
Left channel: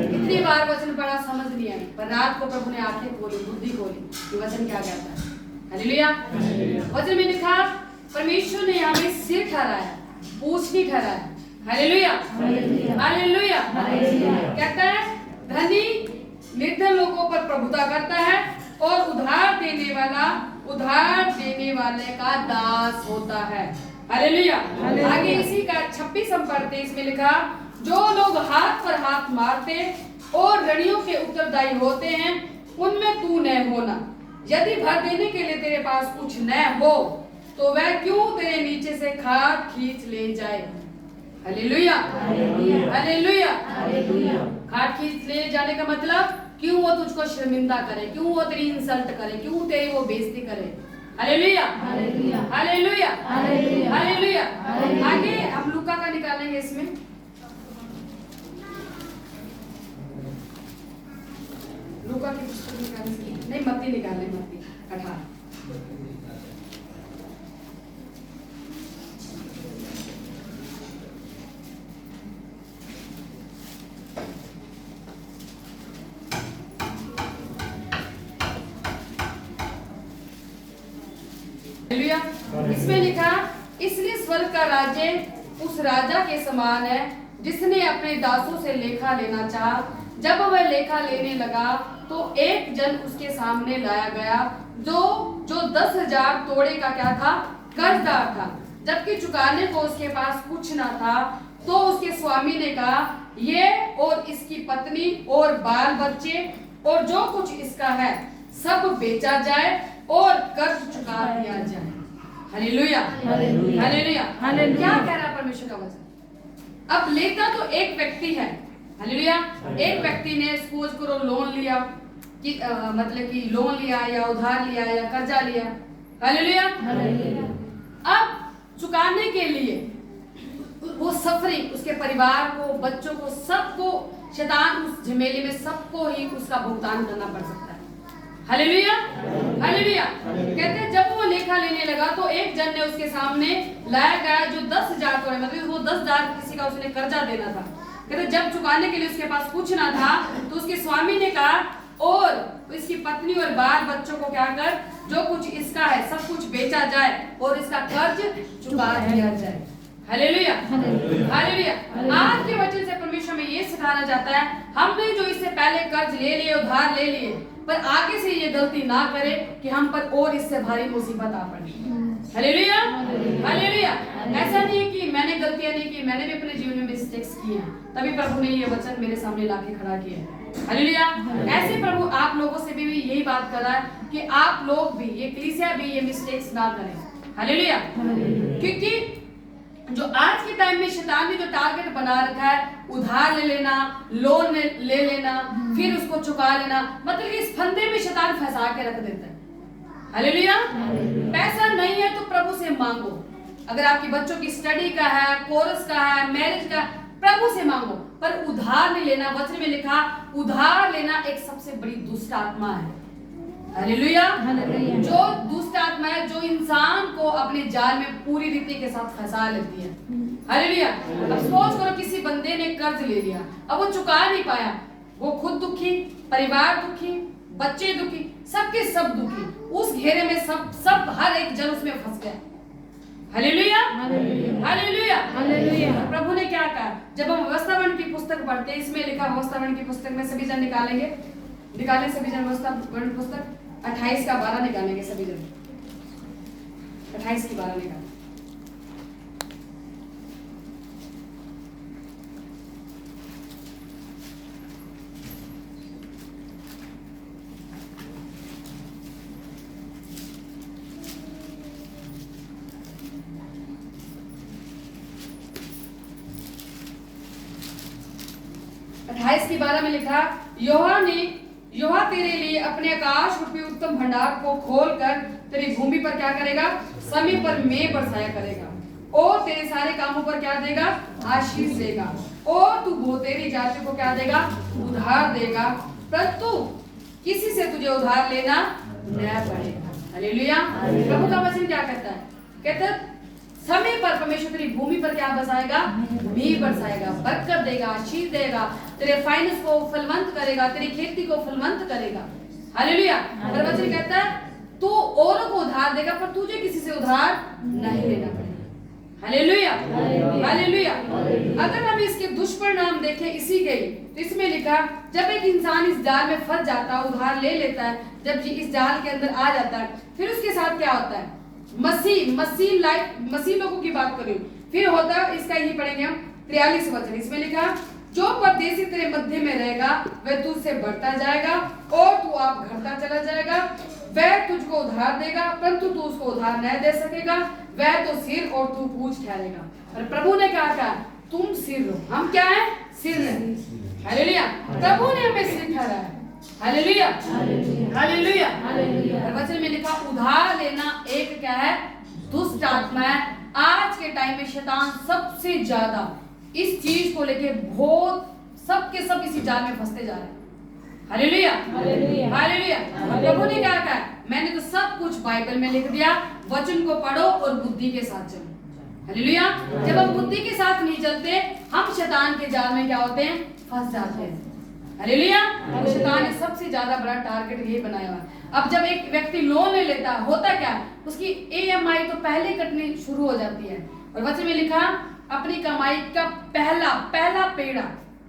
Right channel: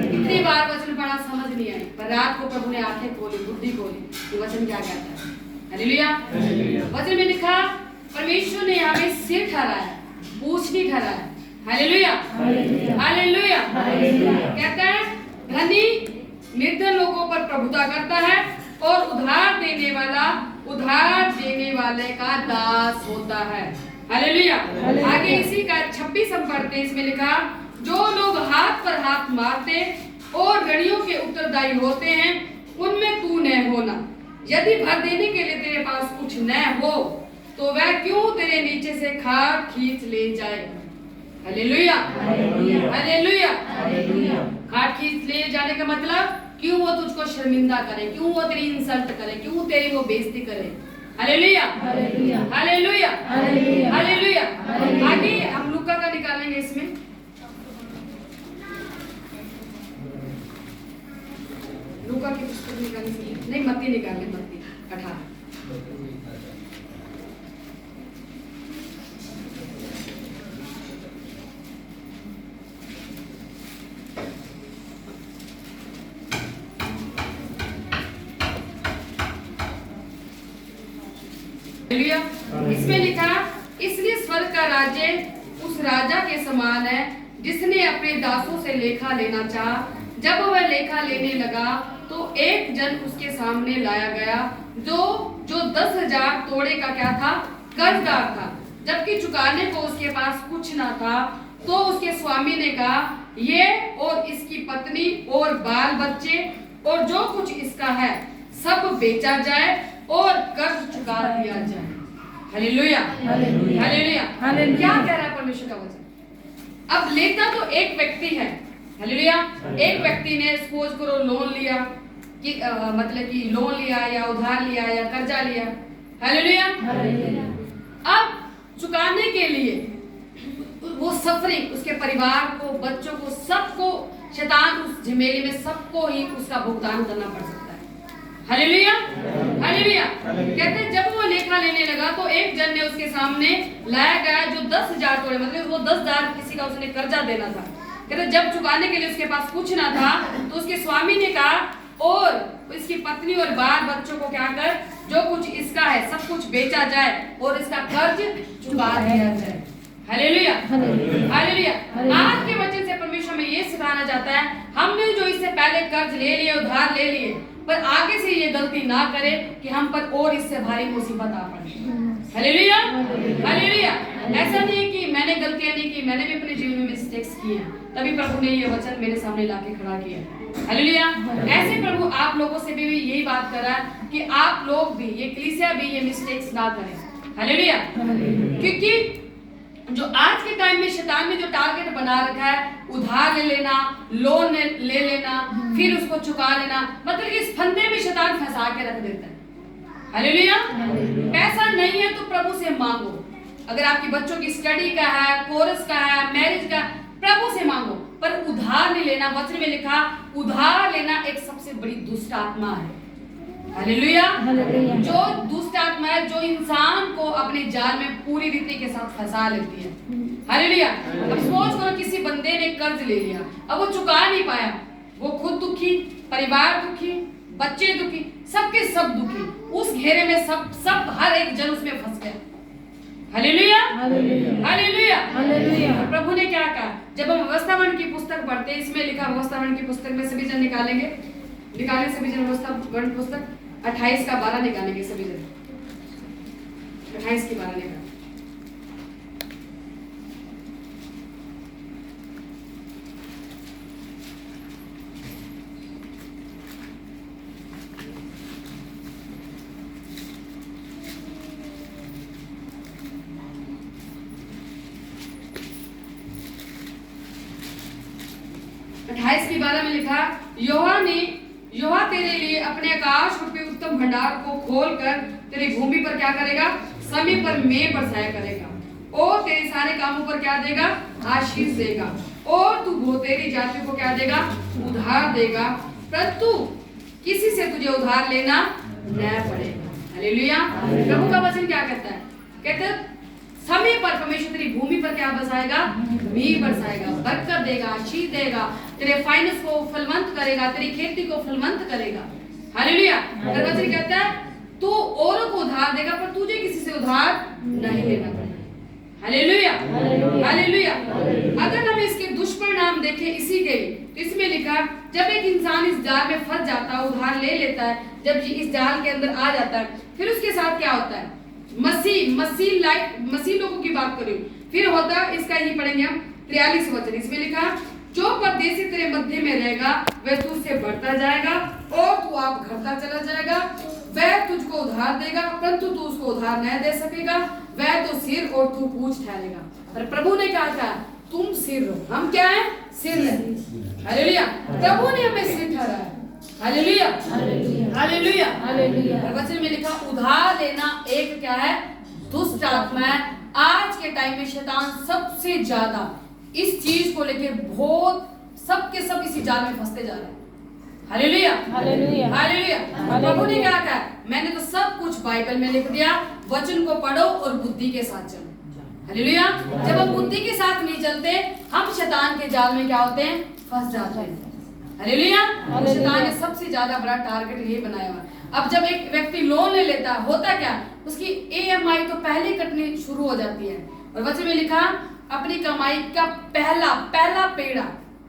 इतनी बार वचन पढ़ा, समझ नहीं आई, पर रात को प्रभु ने आंखें खोली, बुद्धि खोली कि वचन क्या कहता है। हालेलुया। वचन में लिखा, परमेश्वर ने हमें सिर ठहराया, पूंछ नहीं ठहराया। हालेलुया। हालेलुया। कहता है धनी निर्धन लोगों पर प्रभुता करता है, और उधार देने वाले का दास होता है। हालेलुया। आगे इसी का 26 हम पढ़ते हैं। इसमें लिखा, जो लोग हाथ पर हाथ मारते और ऋणियों के उत्तरदायी होते हैं, उनमें तू न होना। यदि भर देने के लिए तेरे पास कुछ न हो, तो वह क्यों तेरे नीचे से खाट खींच ले जाए। हालेलुया। हालेलुया। खाट खींच ले जाने का मतलब, क्यों वो तुझको शर्मिंदा करे, क्यों वो तेरी इंसल्ट करे, क्यों तेरी वो बेइज्जती करे। हालेलुया। हालेलुया। हालेलुया। आगे हम लूका का निकालेंगे। इसमें लूका की पुस्तक निकालेंगे, नहीं मत्ती निकालेंगे, मत्ती 18। इसमें लिखा, इसलिए स्वर्ग का राज्य उस राजा के समान है जिसने अपने दासों से लेखा लेना चाहा। जब वह लेखा लेने लगा, तो एक जन उसके सामने लाया गया जो 10,000 तोड़े का क्या था? कर्जदार था। जबकि चुकाने को उसके पास कुछ ना था, तो उसके स्वामी ने कहा, ये और इसकी पत्नी और बाल बच्चे और जो कुछ इसका है सब बेचा जाए और कर्ज चुका दिया जाए। हालेलुया। हालेलुया। क्या कह रहा है परमेश्वर का वचन? अब लेता तो एक व्यक्ति है। हालेलुया। एक व्यक्ति ने सपोज करो लोन लिया, कि मतलब कि लोन लिया या उधार लिया या कर्जा लिया। हालेलुया। अब चुकाने के लिए वो सफरिंग, उसके परिवार को, बच्चों को, सबको, शैतान उस झमेले में सबको ही उसका भुगतान करना पड़ सकता है। हालेलुया। हालेलुया। कहते हैं जब वो लेखा लेने लगा, तो एक जन ने उसके सामने लाया गया जो 10,000 तोड़े, मतलब वो 10,000 किसी का उसने कर्जा देना था। कहते जब चुकाने के लिए उसके पास कुछ ना था, तो उसके स्वामी ने कहा, और इसकी पत्नी और बाल बच्चों को क्या कर, जो कुछ इसका है सब कुछ बेचा जाए और इसका कर्ज चुका दिया जाए। हालेलुया। हालेलुया। आज के वचन से परमेश्वर में ये सिखाना चाहता है, हमने जो इससे पहले कर्ज ले लिए, उधार ले लिए, पर आगे से ये गलती ना करे कि हम पर और इससे भारी मुसीबत आ पड़े। हालेलुया। हालेलुया। ऐसा नहीं कि मैंने गलतियां नहीं की, मैंने भी अपने जीवन में मिस्टेक्स किए, तभी प्रभु ने ये वचन मेरे सामने लाके खड़ा किया। हालेलुया। ऐसे प्रभु आप लोगों से भी यही बात कर रहा है कि आप लोग भी, ये कलीसिया भी ये मिस्टेक्स ना करें। हालेलुया। क्योंकि जो आज के टाइम में शैतान ने जो टारगेट बना रखा है, उधार ले लेना, लोन ले लेना, फिर उसको चुका लेना, मतलब कि इस फंदे में शैतान फंसा के रख देता है। हालेलुया। पैसा नहीं है तो प्रभु से मांगो। अगर आपके बच्चों की स्टडी का है, कोर्स का है, मैरिज का, प्रभु से मांगो, पर उधार नहीं लेना। वचन में लिखा, उधार लेना एक सबसे बड़ी दुष्ट आत्मा है। हालेलुया। हालेलुया। जो दुष्ट आत्मा है जो इंसान को अपने जाल में पूरी रीति के साथ फंसा लेती है। हालेलुया। अब सोच करो किसी बंदे ने कर्ज ले लिया, अब वो चुका नहीं पाया, वो खुद दुखी, परिवार दुखी, बच्चे दुखी, सबके सब दुखी, उस घेरे में सब हर एक जन उसमें फंस गया। हालेलुया। हालेलुया। हालेलुया। प्रभु ने क्या कहा, जब हम अवस्थावरण की पुस्तक पढ़ते हैं, इसमें लिखा अवस्थावरण की पुस्तक में सभी जन निकालें सभी जन अवस्थावरण पुस्तक 28 का 12 निकालेंगे सभी जन, 28 की 12 निकालें। की 12 में लिखा, यहोवा तेरे लिए अपने आकाश रूपी उत्तम भंडार को खोलकर तेरी भूमि पर क्या करेगा, समय पर मेघ बरसाया करेगा, और तेरे सारे कामों पर क्या देगा, आशीष देगा, और तू बहुतेरी जातियों को क्या देगा, उधार देगा, परंतु किसी से तुझे उधार लेना न पड़ेगा। हालेलुया। प्रभु का वचन क्या कहता है, कहता समय पर परमेश्वर तेरी भूमि पर क्या बरसाएगा, मेघ बरसाएगा, बरकत देगा, आशीष देगा, तेरे फाइनेंस को फलवंत करेगा, तेरी खेती को फलवंत करेगा। हालेलुया। और वचन कहता है तू औरों को उधार देगा पर तुझे किसी से उधार नहीं लेना पड़ेगा। हालेलुया। हालेलुया। अगर हम इसके दुष्परिणाम देखें इसी के, तो इसमें लिखा, जब एक इंसान इस जाल में फंस जाता है, उधार ले लेता है, जब ये इस जाल के अंदर आ जाता है, फिर उसके साथ क्या होता है, मसीह लोगों की बात करें, फिर होता इसका ही पढ़ेंगे हम 43 वचन, इसमें लिखा, जो परदेशी तेरे मध्य में रहेगा वह तुझसे बढ़ता जाएगा और तू आप घटता चला जाएगा, वह तुझको उधार देगा परंतु तू उसको उधार नहीं दे सकेगा, वह तो सिर और तू पूंछ ठहरेगा। पर प्रभु ने क्या कहा, तुम सिर हो, हम क्या है, सिर है। हालेलुया। प्रभु ने हमें सिर ठहराया है। हालेलुया। हालेलुया। और वचन में लिखा, उधार लेना एक क्या है, दुष्ट आत्मा है। आज के टाइम में शैतान सबसे ज्यादा इस चीज को लेके बहुत सबके सब इसी जाल में फंसते जा रहे हैं। हालेलुया। हालेलुया। प्रभु ने क्या कहा, मैंने तो सब कुछ बाइबल में लिख दिया, वचन को पढ़ो और बुद्धि के साथ चलो। हालेलुया। जब हम बुद्धि के साथ नहीं चलते, हम शैतान के जाल में क्या होते हैं, फंस जाते हैं। हालेलुया। शैतान ने सबसे ज्यादा बड़ा टारगेट यही बनाया हुआ। अब जब एक व्यक्ति लोन ले लेता है, होता क्या, उसकी EMI तो पहले कटनी शुरू हो जाती है। और वचन में लिखा, अपनी कमाई का पहला पेड़ा,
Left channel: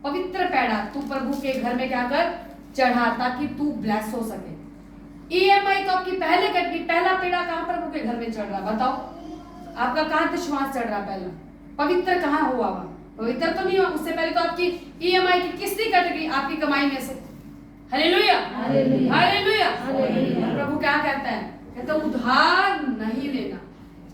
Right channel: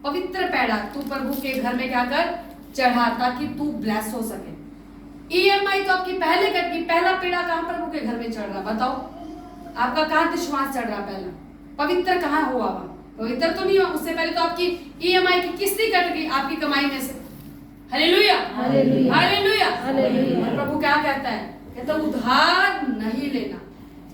पवित्र पेड़ा तू प्रभु के घर में क्या कर, चढ़ा, ताकि तू ब्लेस हो सके। EMI तो आपकी पहले कटनी, पहला पेड़ा कहाँ प्रभु के घर में चढ़ रहा, बताओ आपका कहाँ दशमांश चढ़ रहा, पहला पवित्र कहाँ हुआ, पवित्र तो नहीं हुआ, उससे पहले तो आपकी EMI की किस्ती कट गई आपकी कमाई में से। हालेलुया। हालेलुया। प्रभु क्या कहता है, कहता उधार नहीं लेना,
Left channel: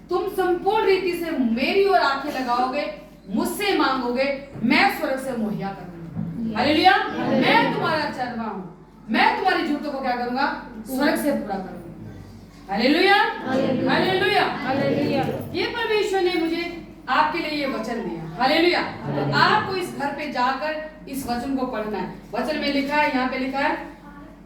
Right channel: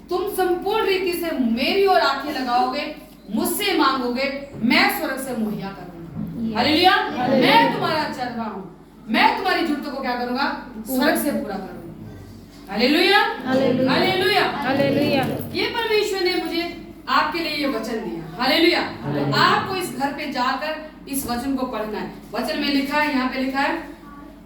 तुम संपूर्ण रीति से मेरी ओर आंखें लगाओगे, मुझसे मांगोगे, मैं स्वर्ग से मुहैया करूंगा। हालेलुया। मैं तुम्हारा चरवाहा हूं, मैं तुम्हारी जरूरतों को क्या करूंगा, स्वर्ग से पूरा करूंगा। हालेलुया। हालेलुया। ये परमेश्वर ने मुझे आपके लिए ये वचन दिया। हालेलुया। तो आपको इस घर पे जाकर इस वचन को पढ़ना है। वचन में लिखा है, यहाँ पे लिखा है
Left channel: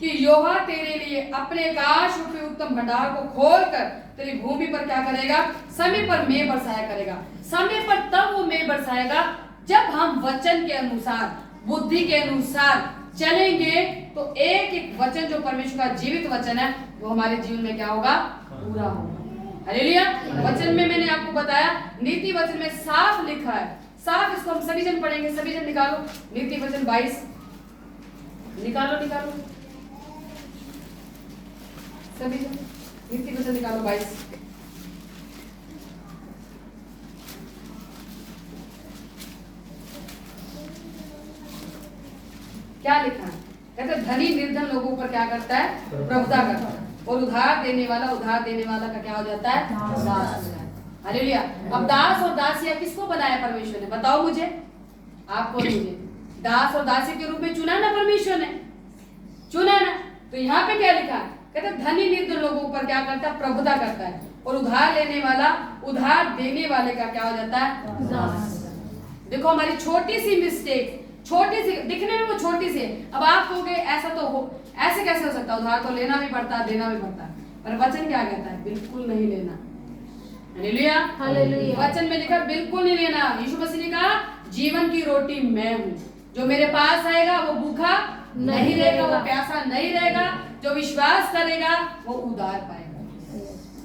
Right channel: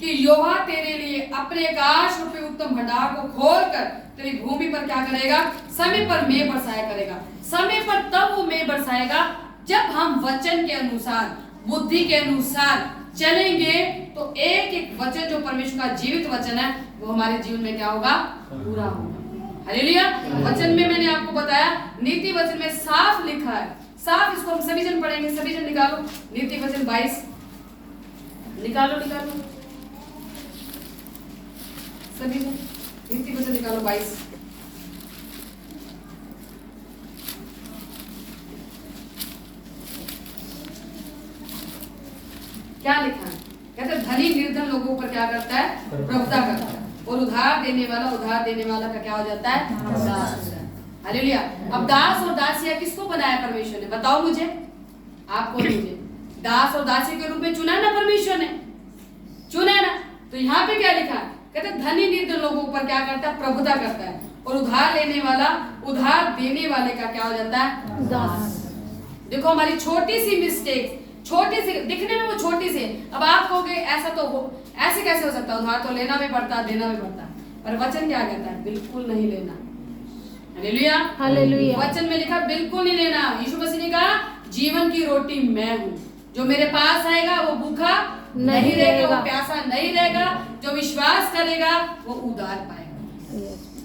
कि यहोवा तेरे लिए अपने आकाश रूपी उत्तम भंडार को खोलकर तेरी भूमि पर क्या करेगा, समय पर मेघ बरसाया करेगा। समय पर तब वो मेघ बरसाएगा जब हम वचन के अनुसार, बुद्धि के अनुसार चलेंगे, तो एक एक वचन जो परमेश्वर का जीवित वचन है वो हमारे जीवन में क्या होगा, पूरा होगा। हालेलुया। वचन में मैंने आपको बताया, नीति वचन में साफ लिखा है, साफ, इसको हम सभी जन पढ़ेंगे, सभी जन निकालो नीति वचन 22, निकालो सभी जन नीति वचन निकालो 22। क्या लिखा है, कहते धनी निर्धन लोगों पर क्या करता है, प्रभुता करता है, और उधार देने वाला का क्या हो जाता है, दास हो जाता है। हालेलुया। अब दास और दासिया किसको बनाया परमेश्वर ने, बताओ मुझे, आपको मुझे दास और दासी के रूप में चुना ना परमेश्वर ने, चुना ना। तो यहाँ पे क्या लिखा है, कहते धनी निर्धन लोगों पर क्या करता है, प्रभुता करता है, और उधार लेने वाला उधार देने वाले का क्या हो जाता है, दास। देखो हमारी छोटी सी मिस्टेक छोटी सी, दिखने में वो छोटी सी है। अब आप कहोगे ऐसा तो हो, ऐसे कैसे हो सकता है, उधार तो लेना भी पड़ता है, देना भी पड़ता है, पर वचन क्या कहता है? बिल्कुल नहीं लेना। Hallelujah, hallelujah. वचन में लिखा बिल्कुल नहीं लेना। यीशु मसीह ने कहा जीवन की रोटी मैं हूँ, जो मेरे पास आएगा वो भूखा नहीं रहेगा, वो प्यासा नहीं रहेगा, जो विश्वास करेगा वो उधार पाएगा।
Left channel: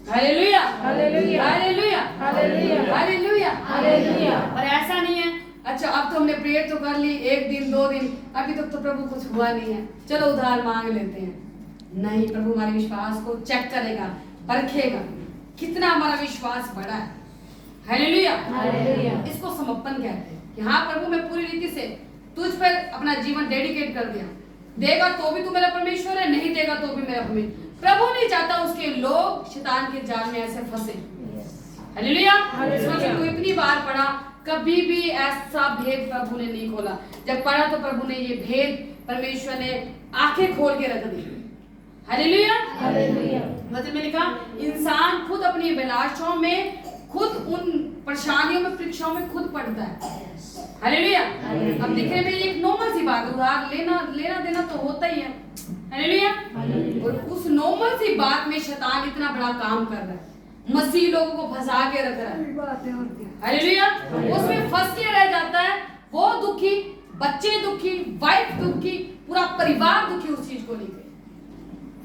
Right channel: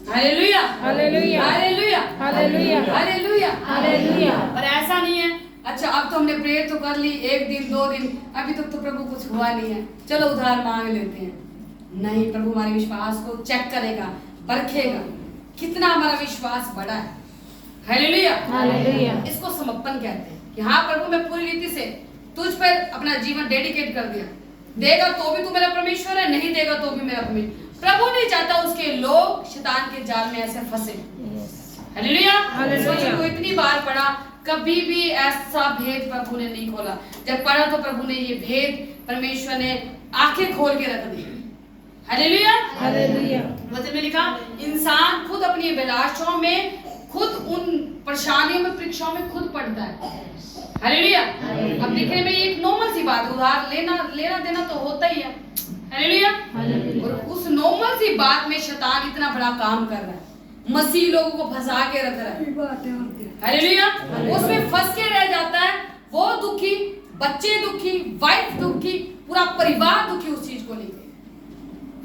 Hallelujah, hallelujah. Hallelujah, hallelujah. Hallelujah, hallelujah. पर ऐसा नहीं है अच्छा अब तो हमने प्रेयर तो कर ली, 1 दिन 2 दिन, अभी तक तो प्रभु कुछ हुआ नहीं है, चलो उधार मांग लेते हैं। नहीं, प्रभु हमारे विश्वास को चेक करेगा, परखेगा कितना हमारा विश्वास बड़ा है। Hallelujah, hallelujah. इसको समर्पण कहते हैं कि हाँ प्रभु मैं पूरी रीति से तुझ पर अपना जीवन डेडिकेट कर दिया। देगा तो भी तू मेरा परमेश्वर है, नहीं देगा तो भी मेरा परमेश्वर। प्रभु नहीं चाहता उसके लोग शैतान के जाल में ऐसे फंसे। हालेलुया, इस वचन को इतनी बार पढ़ा, कभी भी ऐसा भेद प्रभु ने नहीं खोला। जब पढ़ा तो प्रभु ने ये भेद परमेश्वर ने आंखें खोल के रख दी। Hallelujah, hallelujah. वचन में लिखा इंसान खुद अपनी अभिलाषाओं में, खुद उन परेशानियों में, परीक्षाओं में खुद पड़ता है। हालेलुया, अब दिखने में ये एक नॉर्मल सी बात, उधार लेना देना तो होता ही है। हालेलुया, और उस नॉर्मल सी बात में शैतान इतना बड़ा काम कर रहा है, मसीह लोगों को फंसा के रख रहा है। हालेलुया, उसमें फंस के रह जाता है, वो दुखी, बच्चे दुखी, वाइफ दुखी, पूरा परिवार दुखी उस चीज को लेके।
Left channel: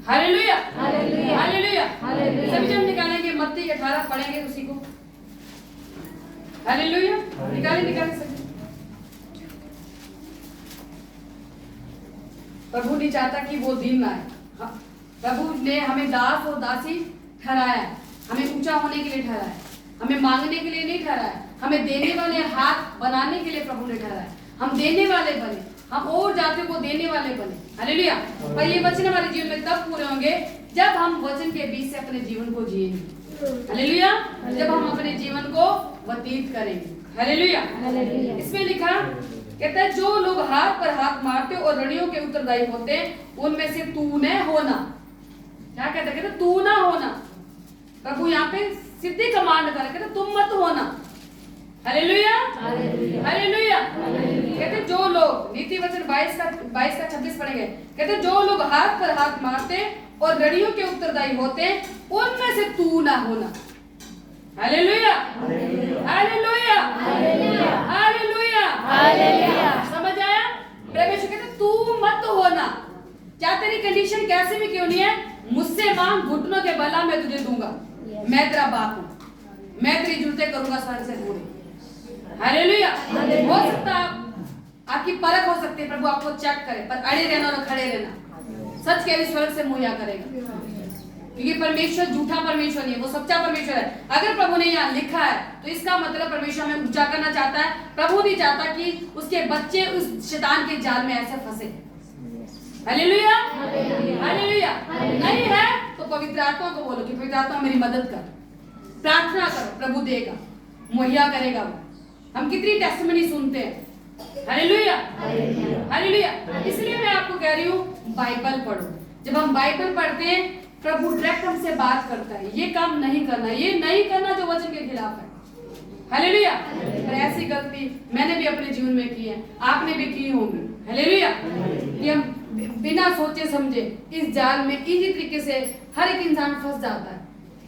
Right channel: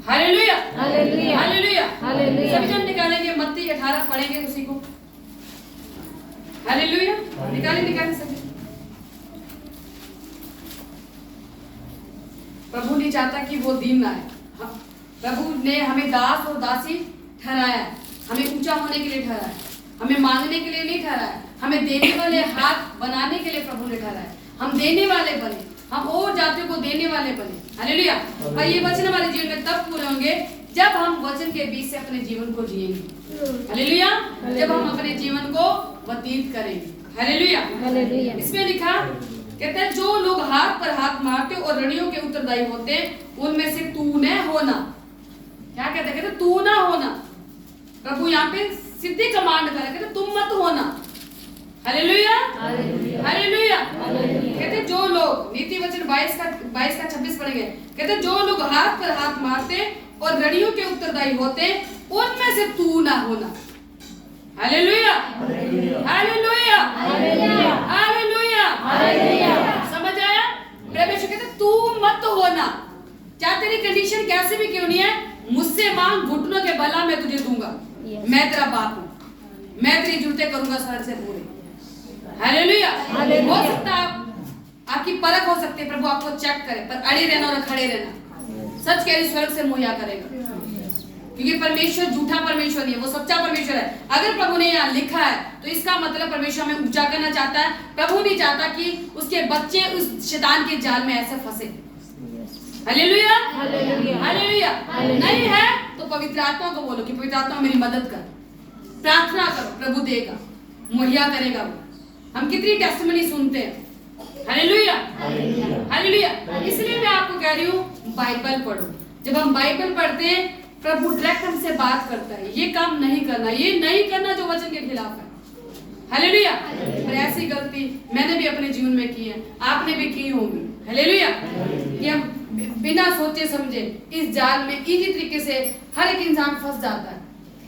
Hallelujah, hallelujah. Hallelujah, hallelujah. सभी जन निकालेंगे, मत्ती 18 पढ़ेंगे उसी को। हालेलुया, निकाले सभी। प्रभु नहीं चाहता कि वो दिन आए। प्रभु ने हमें दास और दासी ठहराया है, हमें ऊंचा होने के लिए ठहराया है, हमें मांगने के लिए नहीं ठहराया है, हमें देने वाले हाथ बनाने के लिए प्रभु ने ठहराया है। हम देने वाले बने, हम और जातियों को देने वाले बने। हालेलुया, और ये वचन हमारे जीवन में तब पूरे होंगे जब हम वचन के बीच से अपने जीवन को जिएंगे। हालेलुया, जब हम अपने जीवन को व्यतीत करेंगे। Hallelujah, hallelujah. इसमें लिखा कहता है जो लोग हाथ पर हाथ मारते और रणियों के उत्तरदायी होते उनमें से तू न होना। क्या कहता है? कहता तू ना होना। प्रभु यहाँ पे सीधी कमांड कर रहे, कहते तुम मत होना। Hallelujah, hallelujah. कहते जो लोग, नीति वचन 22 का 26 पढ़ेंगे, कहते जो लोग हाथ पर हाथ मारते और रणियों के उत्तरदायी होते उनमें से तू ना होना। Hallelujah, hallelujah, hallelujah, hallelujah. समझ आया? परमेश्वर कहते तू मत होना, चाहे तेरी कंडीशन कैसे भी क्यों नहीं है, मुझसे मांग, घुटनों के बला मैं तुझे दूंगा। मैं तेरा बाप हूँ, मैं तेरी जरूरतें करूंगा सर से पूरी। हालेलुया, हो सकता है आपकी परख हो सकती है, प्रभु आपको चेक करे, पर अड़े रहना और खड़े रहना, सच कह रही स्वर्ग से मुहैया करेगा, क्योंकि परमेश्वर झूठा परमेश्वर नहीं है, वो सच्चा परमेश्वर है। अगर प्रभु ने यहाँ लिखा है तो इसका मतलब परमेश्वर हमें ऊंचा करना चाहता है। प्रभु नहीं चाहता कि उसके बच्चे उस शैतान के जाल में ऐसे फंसे। Hallelujah, hallelujah. नहीं है तो पवित्र आत्मा को बोलो कि पवित्र आत्मा मेरी मदद कर, प्रार्थना करो, प्रभु देगा, मुहैया करेगा वो। हम कितनी टेस्टिमनी सुनते हैं। Hallelujah, hallelujah. इसलिए मैं आपको कह रही हूँ बाइबल पढ़ो। जब हम बाइबल पढ़ते हैं प्रभु डायरेक्ट हमसे बात करता है, ये काम नहीं करना, ये नहीं करना जो वचन के खिलाफ है। हालेलुया, पर ऐसी गलती मैंने भी अपने जीवन में की है, आपने भी की होगी। हालेलुया, कि हम बिना सोचे समझे इस जाल में इजी तरीके से हर एक इंसान फंस जाता है,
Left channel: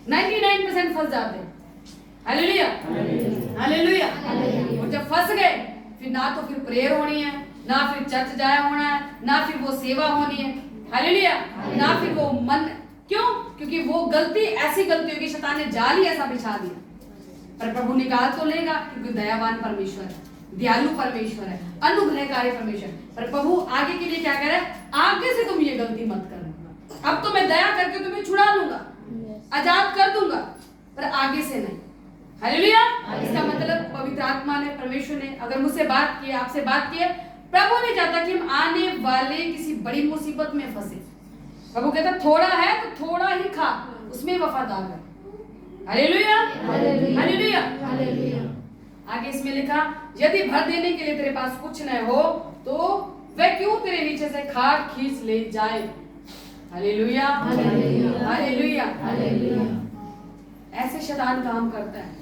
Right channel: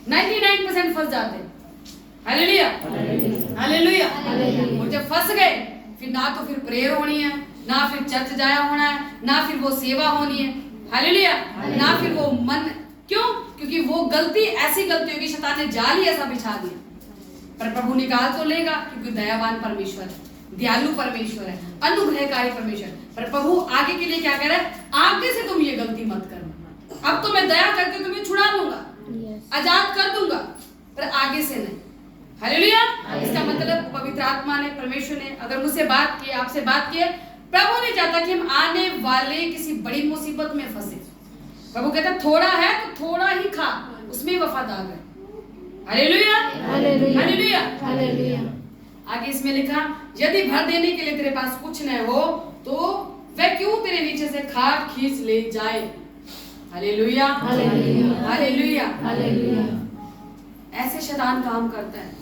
99% फंस जाते हैं। Hallelujah, hallelujah. और जब फंस गए फिर ना तो फिर प्रेयर होनी है, ना फिर चर्च जाया होना है, ना फिर वो सेवा होनी है। हालेलुया, ना फिर वो मन, क्यों? क्योंकि वो गलती ऐसी गलती होगी, शैतान ने जाल ही ऐसा बिछा दिया। पर प्रभु निकाल तो लेगा, क्योंकि दयावान परमेश्वर है, दयालु परमेश्वर है, अनुग्रहकारी परमेश्वर। पर प्रभु आगे के लिए क्या कह रहा है? आगे से तुम ये गलती मत करना, अब तो मैं दया करके तुम्हें छुड़ा लूंगा, आजाद कर दूंगा, पर आगे से नहीं। हालेलुया, इसका मतलब पवित्र आत्मा ने, परमेश्वर ने अगर मुझसे बात की, आपसे बात की, प्रभु ने चाहता कि हम आने वाले किसी बड़ी मुसीबत में फंसे। प्रभु कहता थोड़ा है तो थोड़ा ही खा, उसमें वफादार है। Hallelujah, hallelujah, hallelujah. आगे इसमें लिखा यदि भर देने के लिए तेरे पास कुछ न हो तो वह क्यों तेरे नीचे से खाक खींच ले जाए। Hallelujah, hallelujah, hallelujah. ऐसे शैतान काम करता है,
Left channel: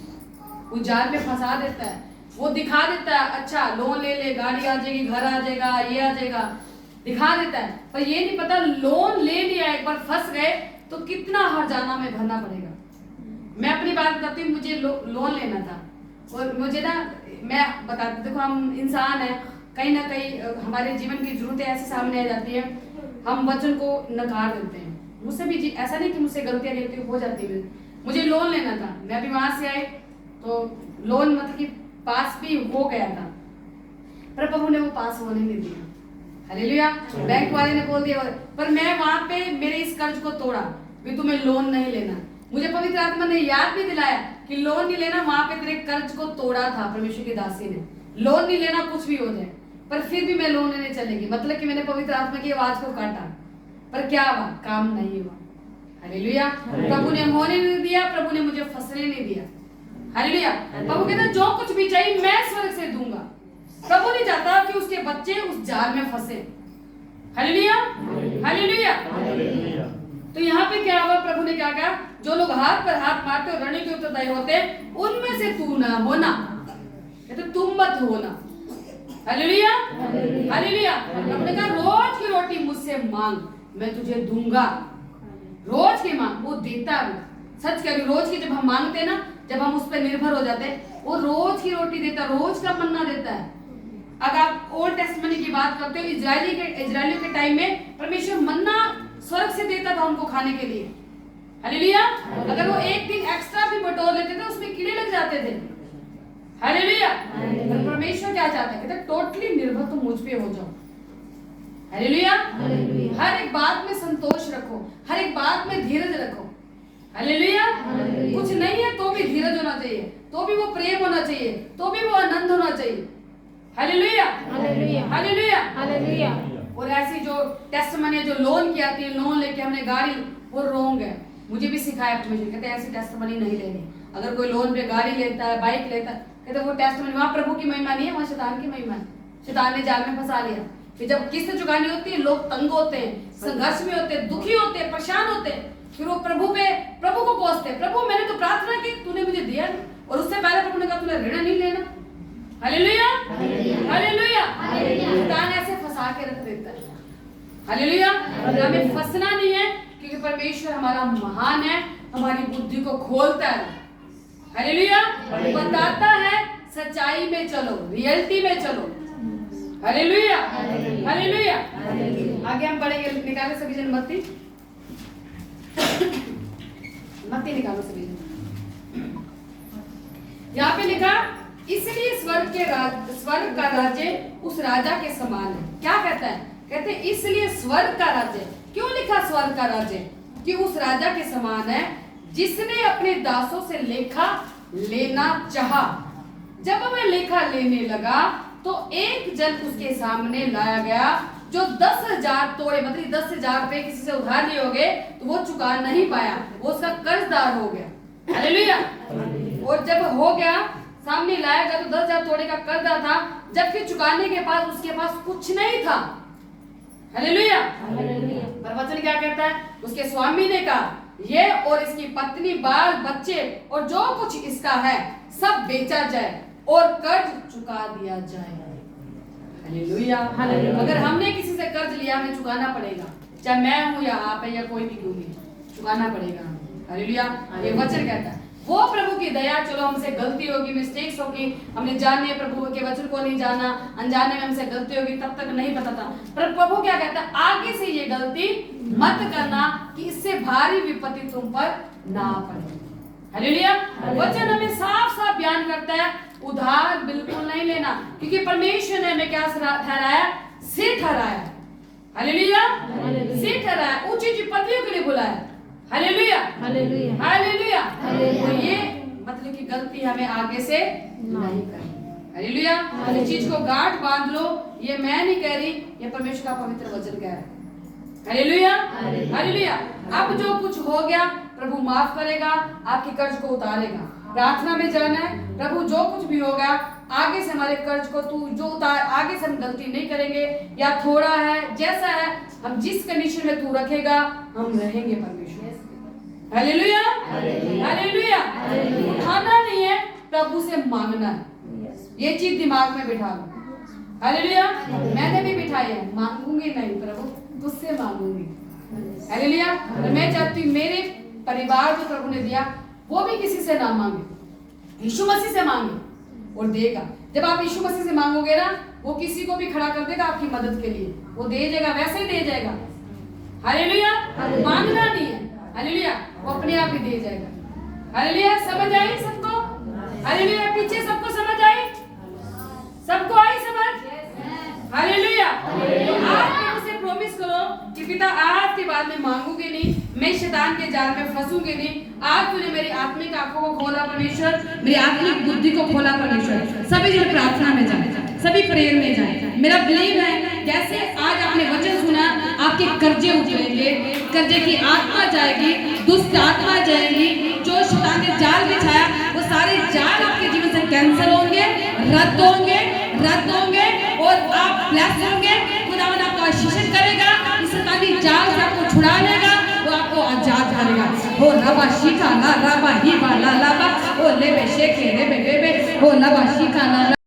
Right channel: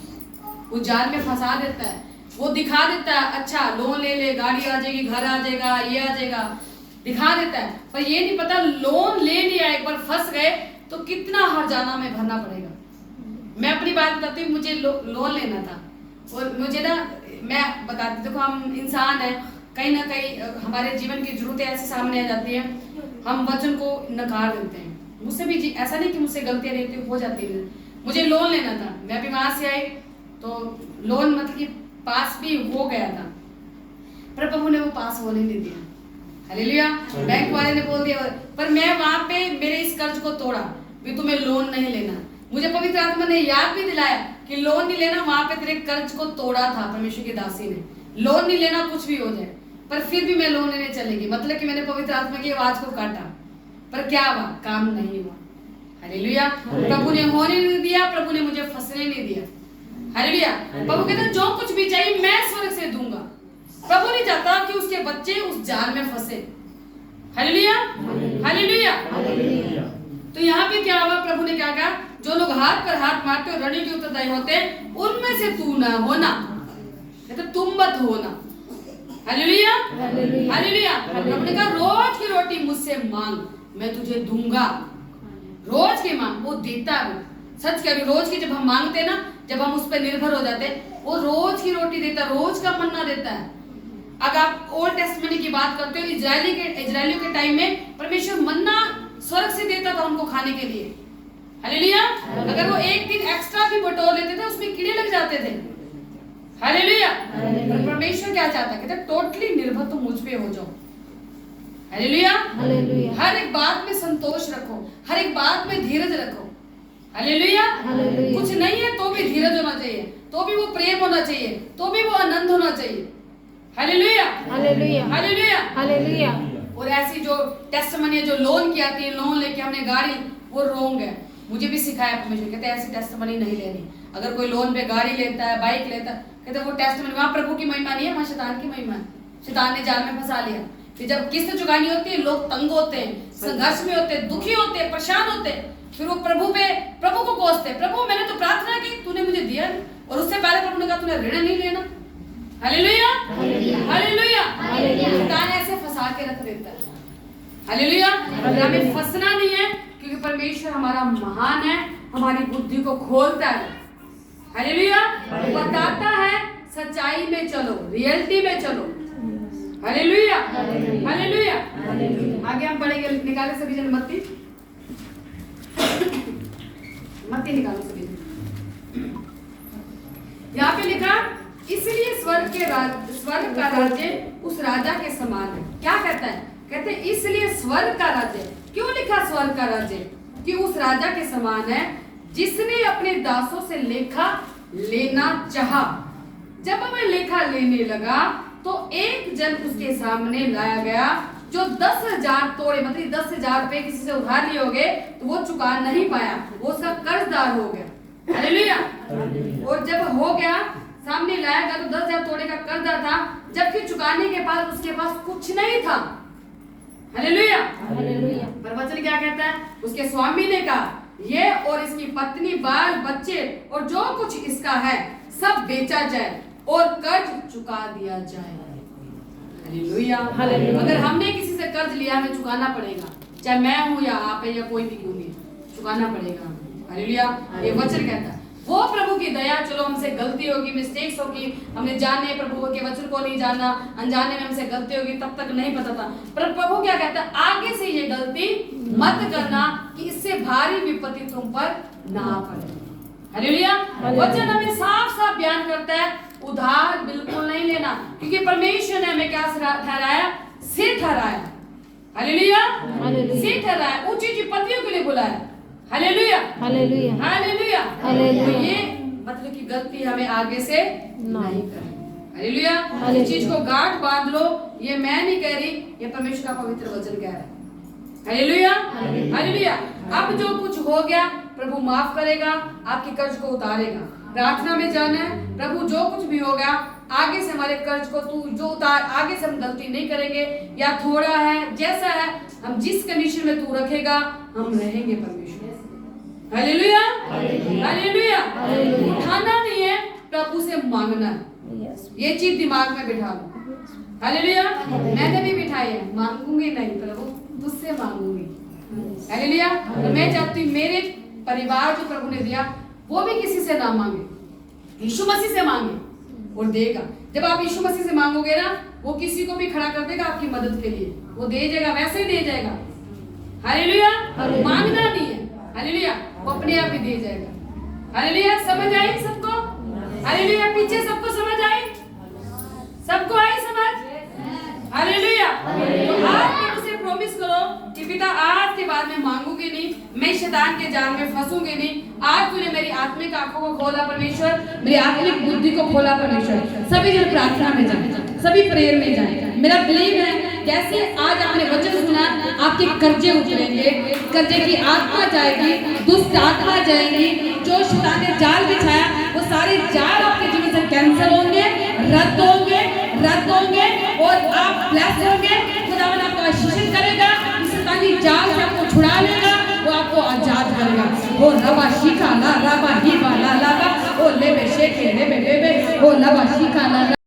वो जाल में फंसा देता है। वो दिखा देता है, अच्छा लोन ले ले, गाड़ी आ जाएगी, घर आ जाएगा, ये आ जाएगा, दिखा देता है। पर ये नहीं पता लोन ले लिया, एक बार फंस गए तो कितना हर्जाना में भरना पड़ेगा। मैं अपनी बात बताती हूँ, मुझे लोन लेना था और मुझे ना, मैं बताती, देखो हम इंसान है, कहीं ना कहीं हमारे जीवन की जरूरतें ऐसे सामने आ जाती है, हम वचन को नकार देते हैं। मुझसे भी ऐसा नहीं कि मुझसे गलतियां नहीं हो जाती है। मुझे लोन लेना था, मैं भी वहां से आई तो लोन मतलब कि पास भी हो गया था, पर प्रभु ने वो पास होने नहीं दिया। हालेलुया। बैंक वाले ने बोल दिया, पर मैं वहां पे मेरे इस कर्ज को तोड़ा भी, तुम्हें लोन नहीं लेना। मुझे पवित्र आत्मा ने याद भी दिलाया कि लोन नहीं लेना, वहां पे तेरे कर्ज को तोड़ा था परमेश्वर की दासी ने। लोन नहीं लेना, कुछ भी हो जाए, पर फिर भी मैं लोन लेने चलेगी, मतलब कि मैंने पवित्र आत्मा की आवाज को काटा, पर क्या हुआ, काम नहीं हुआ। हालेलुया। प्रभु ने होने नहीं दिया, प्रभु ने मुझे फंसने नहीं दिया। हालेलुया। प्रभु कहता जो कुछ भी चाहिए मैं स्वर्ग से दूंगा। प्रभु नहीं चाहता कि उसके बच्चे उस जाल में फंसे। Hallelujah, hallelujah. तो यहाँ पे क्या हुआ, प्रभु ने क्या कहा, जो लोग हाथ पर हाथ मारते और रणनीति के उत्तरदायी होते उनमें से तू ना होना, कहते तुम मत होना। Hallelujah, hallelujah. प्रभु ने कहा रोज की रोटी मुझसे मांग, मैं तुझे दूंगा। रोज की मांग, वो देता है। सच कह रही, रोज की जब हम मांगते हैं ना, जब हम उस पर निर्भर हो जाते हैं, वो रोज की रोटी देता है, रोज का मन्ना देता है। अगर आप ओल्ड टेस्टमेंट की बात करते हो, इजरायलियों के टाइम में परमेश्वर मन्ना स्वर्ग से देता था उनको खाने के लिए। हालेलुया। अगर वो एक दिन एक्स्ट्रा भी बटोर लेते थे, उसमें कीड़े लग जाते थे। हालेलुया। पर परमेश्वर क्या चाहता है, कहते टोटली निर्भर तुम मुझ पे हो जाओ। हालेलुया। हर एक बात में संतोष रखो, हर एक बात में धीरज रखो। हालेलुया। कुछ नहीं है तो भी धीरज होना चाहिए, तो भी वो प्रेम होना चाहिए, तो भी वो आनंद होना चाहिए। Hallelujah, hallelujah, hallelujah, hallelujah. और ऐसी जो टेस्टमनी है, जो लोन की आती है, लोन लेके हमने गाड़ी, वो रोंग है। मुझे भी सिखाया परमेश्वर, कहते ऐसी टेस्टमनी नहीं लेनी। अगर कोई लोन पे गाड़ी लेता है, बाइक लेता है, कहते वो टेस्टमनी, वहां प्रभु की महिमा नहीं है, वहां शैतान की महिमा है। शैतान ने जाल में फंसा लिया कि जब किस्त चुकानी होती है, लोग तंग होते हैं, संघर्ष में होते हैं, दुखी होते हैं, परेशान होते हैं, फिर वो प्रभु को कोसते, प्रभु मैंने तो प्रार्थना की, तूने मुझे दिया नहीं। और उससे पहले प्रभु ने कहा तूने ऋण नहीं लेना। Hallelujah, hallelujah. शैतान ऐसे फंसा के रख देता है। हालेलुया। हमें फंसना नहीं है, क्योंकि परमेश्वर हमारा महान है, हमारी बुद्धि को खोलता है। हालेलुया। बताता है सच्चाई में चलो, रियलिटी में चलो। Hallelujah, hallelujah. आगे हम पढ़ेंगे, निकाले सभी जन मत्ती निकालो सभी जन। यहाँ पे लिखा, इसलिए स्वर्ग का राज्य उस राजा के समान है। क्या कहता है, कहते इसलिए स्वर्ग का राज्य, क्यों लिखा स्वर्ग का राज्य, कि उस राजा के समान है जिसने अपने दासों से लेखा लेना चाहा। जब वह लेखा लेने लगा तो एक जन उसके सामने लाया गया जो 10,000 तोड़े, मतलब 10,000 रुपए किसी से उधार लिए होंगे तो वो चुका नहीं पाया, वो उसका कर्जदार हो गया। हालेलुया। और जब हो गया, सामने लाया गया तो 10,000 तोड़े का कर्जदार था, जबकि चुकाने के बाद उसके पास कुछ नहीं था। हालेलुया। पर वचन क्या कहता है, उसके स्वामी ने कहा ये और इसकी पत्नी, बाल बच्चे और जो कुछ इसका है सब बेचा जाए और कर्ज चुका दिया जाए। हालेलुया। अगर हमने किसी से कर्ज लिया, हमें चुकाना पड़ेगा, चाहे मैं हूं या आप है या कोई भी क्यों नहीं, चुकाना पड़ेगा। हालेलुया। ये वचन कहता है, वो प्रभु की दया, चलो हमसे गलती होगी, मिस्टेक्स होगी, हमने जाने प्रभु के वचन को नहीं जाना, अनजाने में हमसे गलती होगी, तब तक नहीं पता था, पर प्रभु क्या कहता है, आगे से ये गलती मत करना कि इससे भारी विपत्ति तुम पर ना पड़े। हालेलुया। वचन हमें साफ साफ बयान करता है, उधार बिल्कुल नहीं लेना, क्योंकि परमेश्वर ने हमें क्या ठहराया, सिर ठहराया। हालेलुया। सिर ठहराया, ऊंची ऊंची पदवियों के लिए बुलाया। Hallelujah, hallelujah, hallelujah, hallelujah. ये मतलब कि गलती हमें आगे से नहीं करनी। हालेलुया। इस चीज को गांठ बांध लो, ये मैं नहीं कह रही, ये परमेश्वर का पवित्र वचन कह रहा है। Hallelujah, hallelujah. अब जो कुछ हो गया प्रभु माफ करेगा, आपके कर्ज को उतारेगा। प्रार्थना में जाना है, प्रभु जो कुछ भी होगा आगे से हमारे कर्ज को तू जो उतार, आगे से हम गलती नहीं करेंगे, या थोड़ा है जैसा है, हम जिस कंडीशन में तू रखेगा हम रहेंगे परमेश्वर। Hallelujah, hallelujah. उठाना नहीं है, प्रभु से मांगना है। ये चीज दिमाग में बिठा लो। हालेलुया। मैंने भी बिठाई है, मांगूंगी नहीं प्रभु, तुझसे मांगूंगी। हालेलुया। और मैं चाहती हूँ मेरे परिवार जो प्रभु ने दिया वो भी किसी से ना मांगे, यीशु मसीह से मांगे और देगा। जब आप यीशु मसीह से मांगोगे ना, वो किसी को भी खड़ा कर देगा आपकी मदद के लिए, वो दे जाएगा, वैसे ही दे जाएगा। हालेलुया। मांगना नहीं है, हालेलुया, वो अपने आप ही दे जाएगा। हालेलुया। समझ आई सबको? हालेलुया। पीछे सबको समझ आई? सबको आई समझ? हालेलुया। आज प्रभु से प्रॉमिस करो कि पिता आज के बाद मैं मांगूंगी नहीं, मैं शैतान के जाल में फंसूंगी नहीं। आज तूने मेरी आत्मिक आंखों को खोला परमेश्वर, मेरी आत्मिक बुद्धि को खोला परमेश्वर। सभी जन प्रार्थना में जाए, सभी प्रेयर में जाए। मेरा बिलीव है जैसे आज आपने वचन सुना, आपके कर्जे उतरेंगे, कर्जे की आत्मा जाएगी, दुष्ट आत्मा जाएगी, जो शैतान ने जाल बिछाया वो सारे जाल आपके जीवन से कैंसिल होंगे, रद्द होंगे, रद्द होंगे और आप ब्लेस होंगे। खुदावन आपको आशीषित करेगा, इस शैतानी जाल से आपको छुड़ा लेगा, वो आपको आजाद करेगा। हो रबा शिका ला रबा ही बा ला ला बा, ओ ले बे शेके ले बे बे बे, हो लबा शिका ला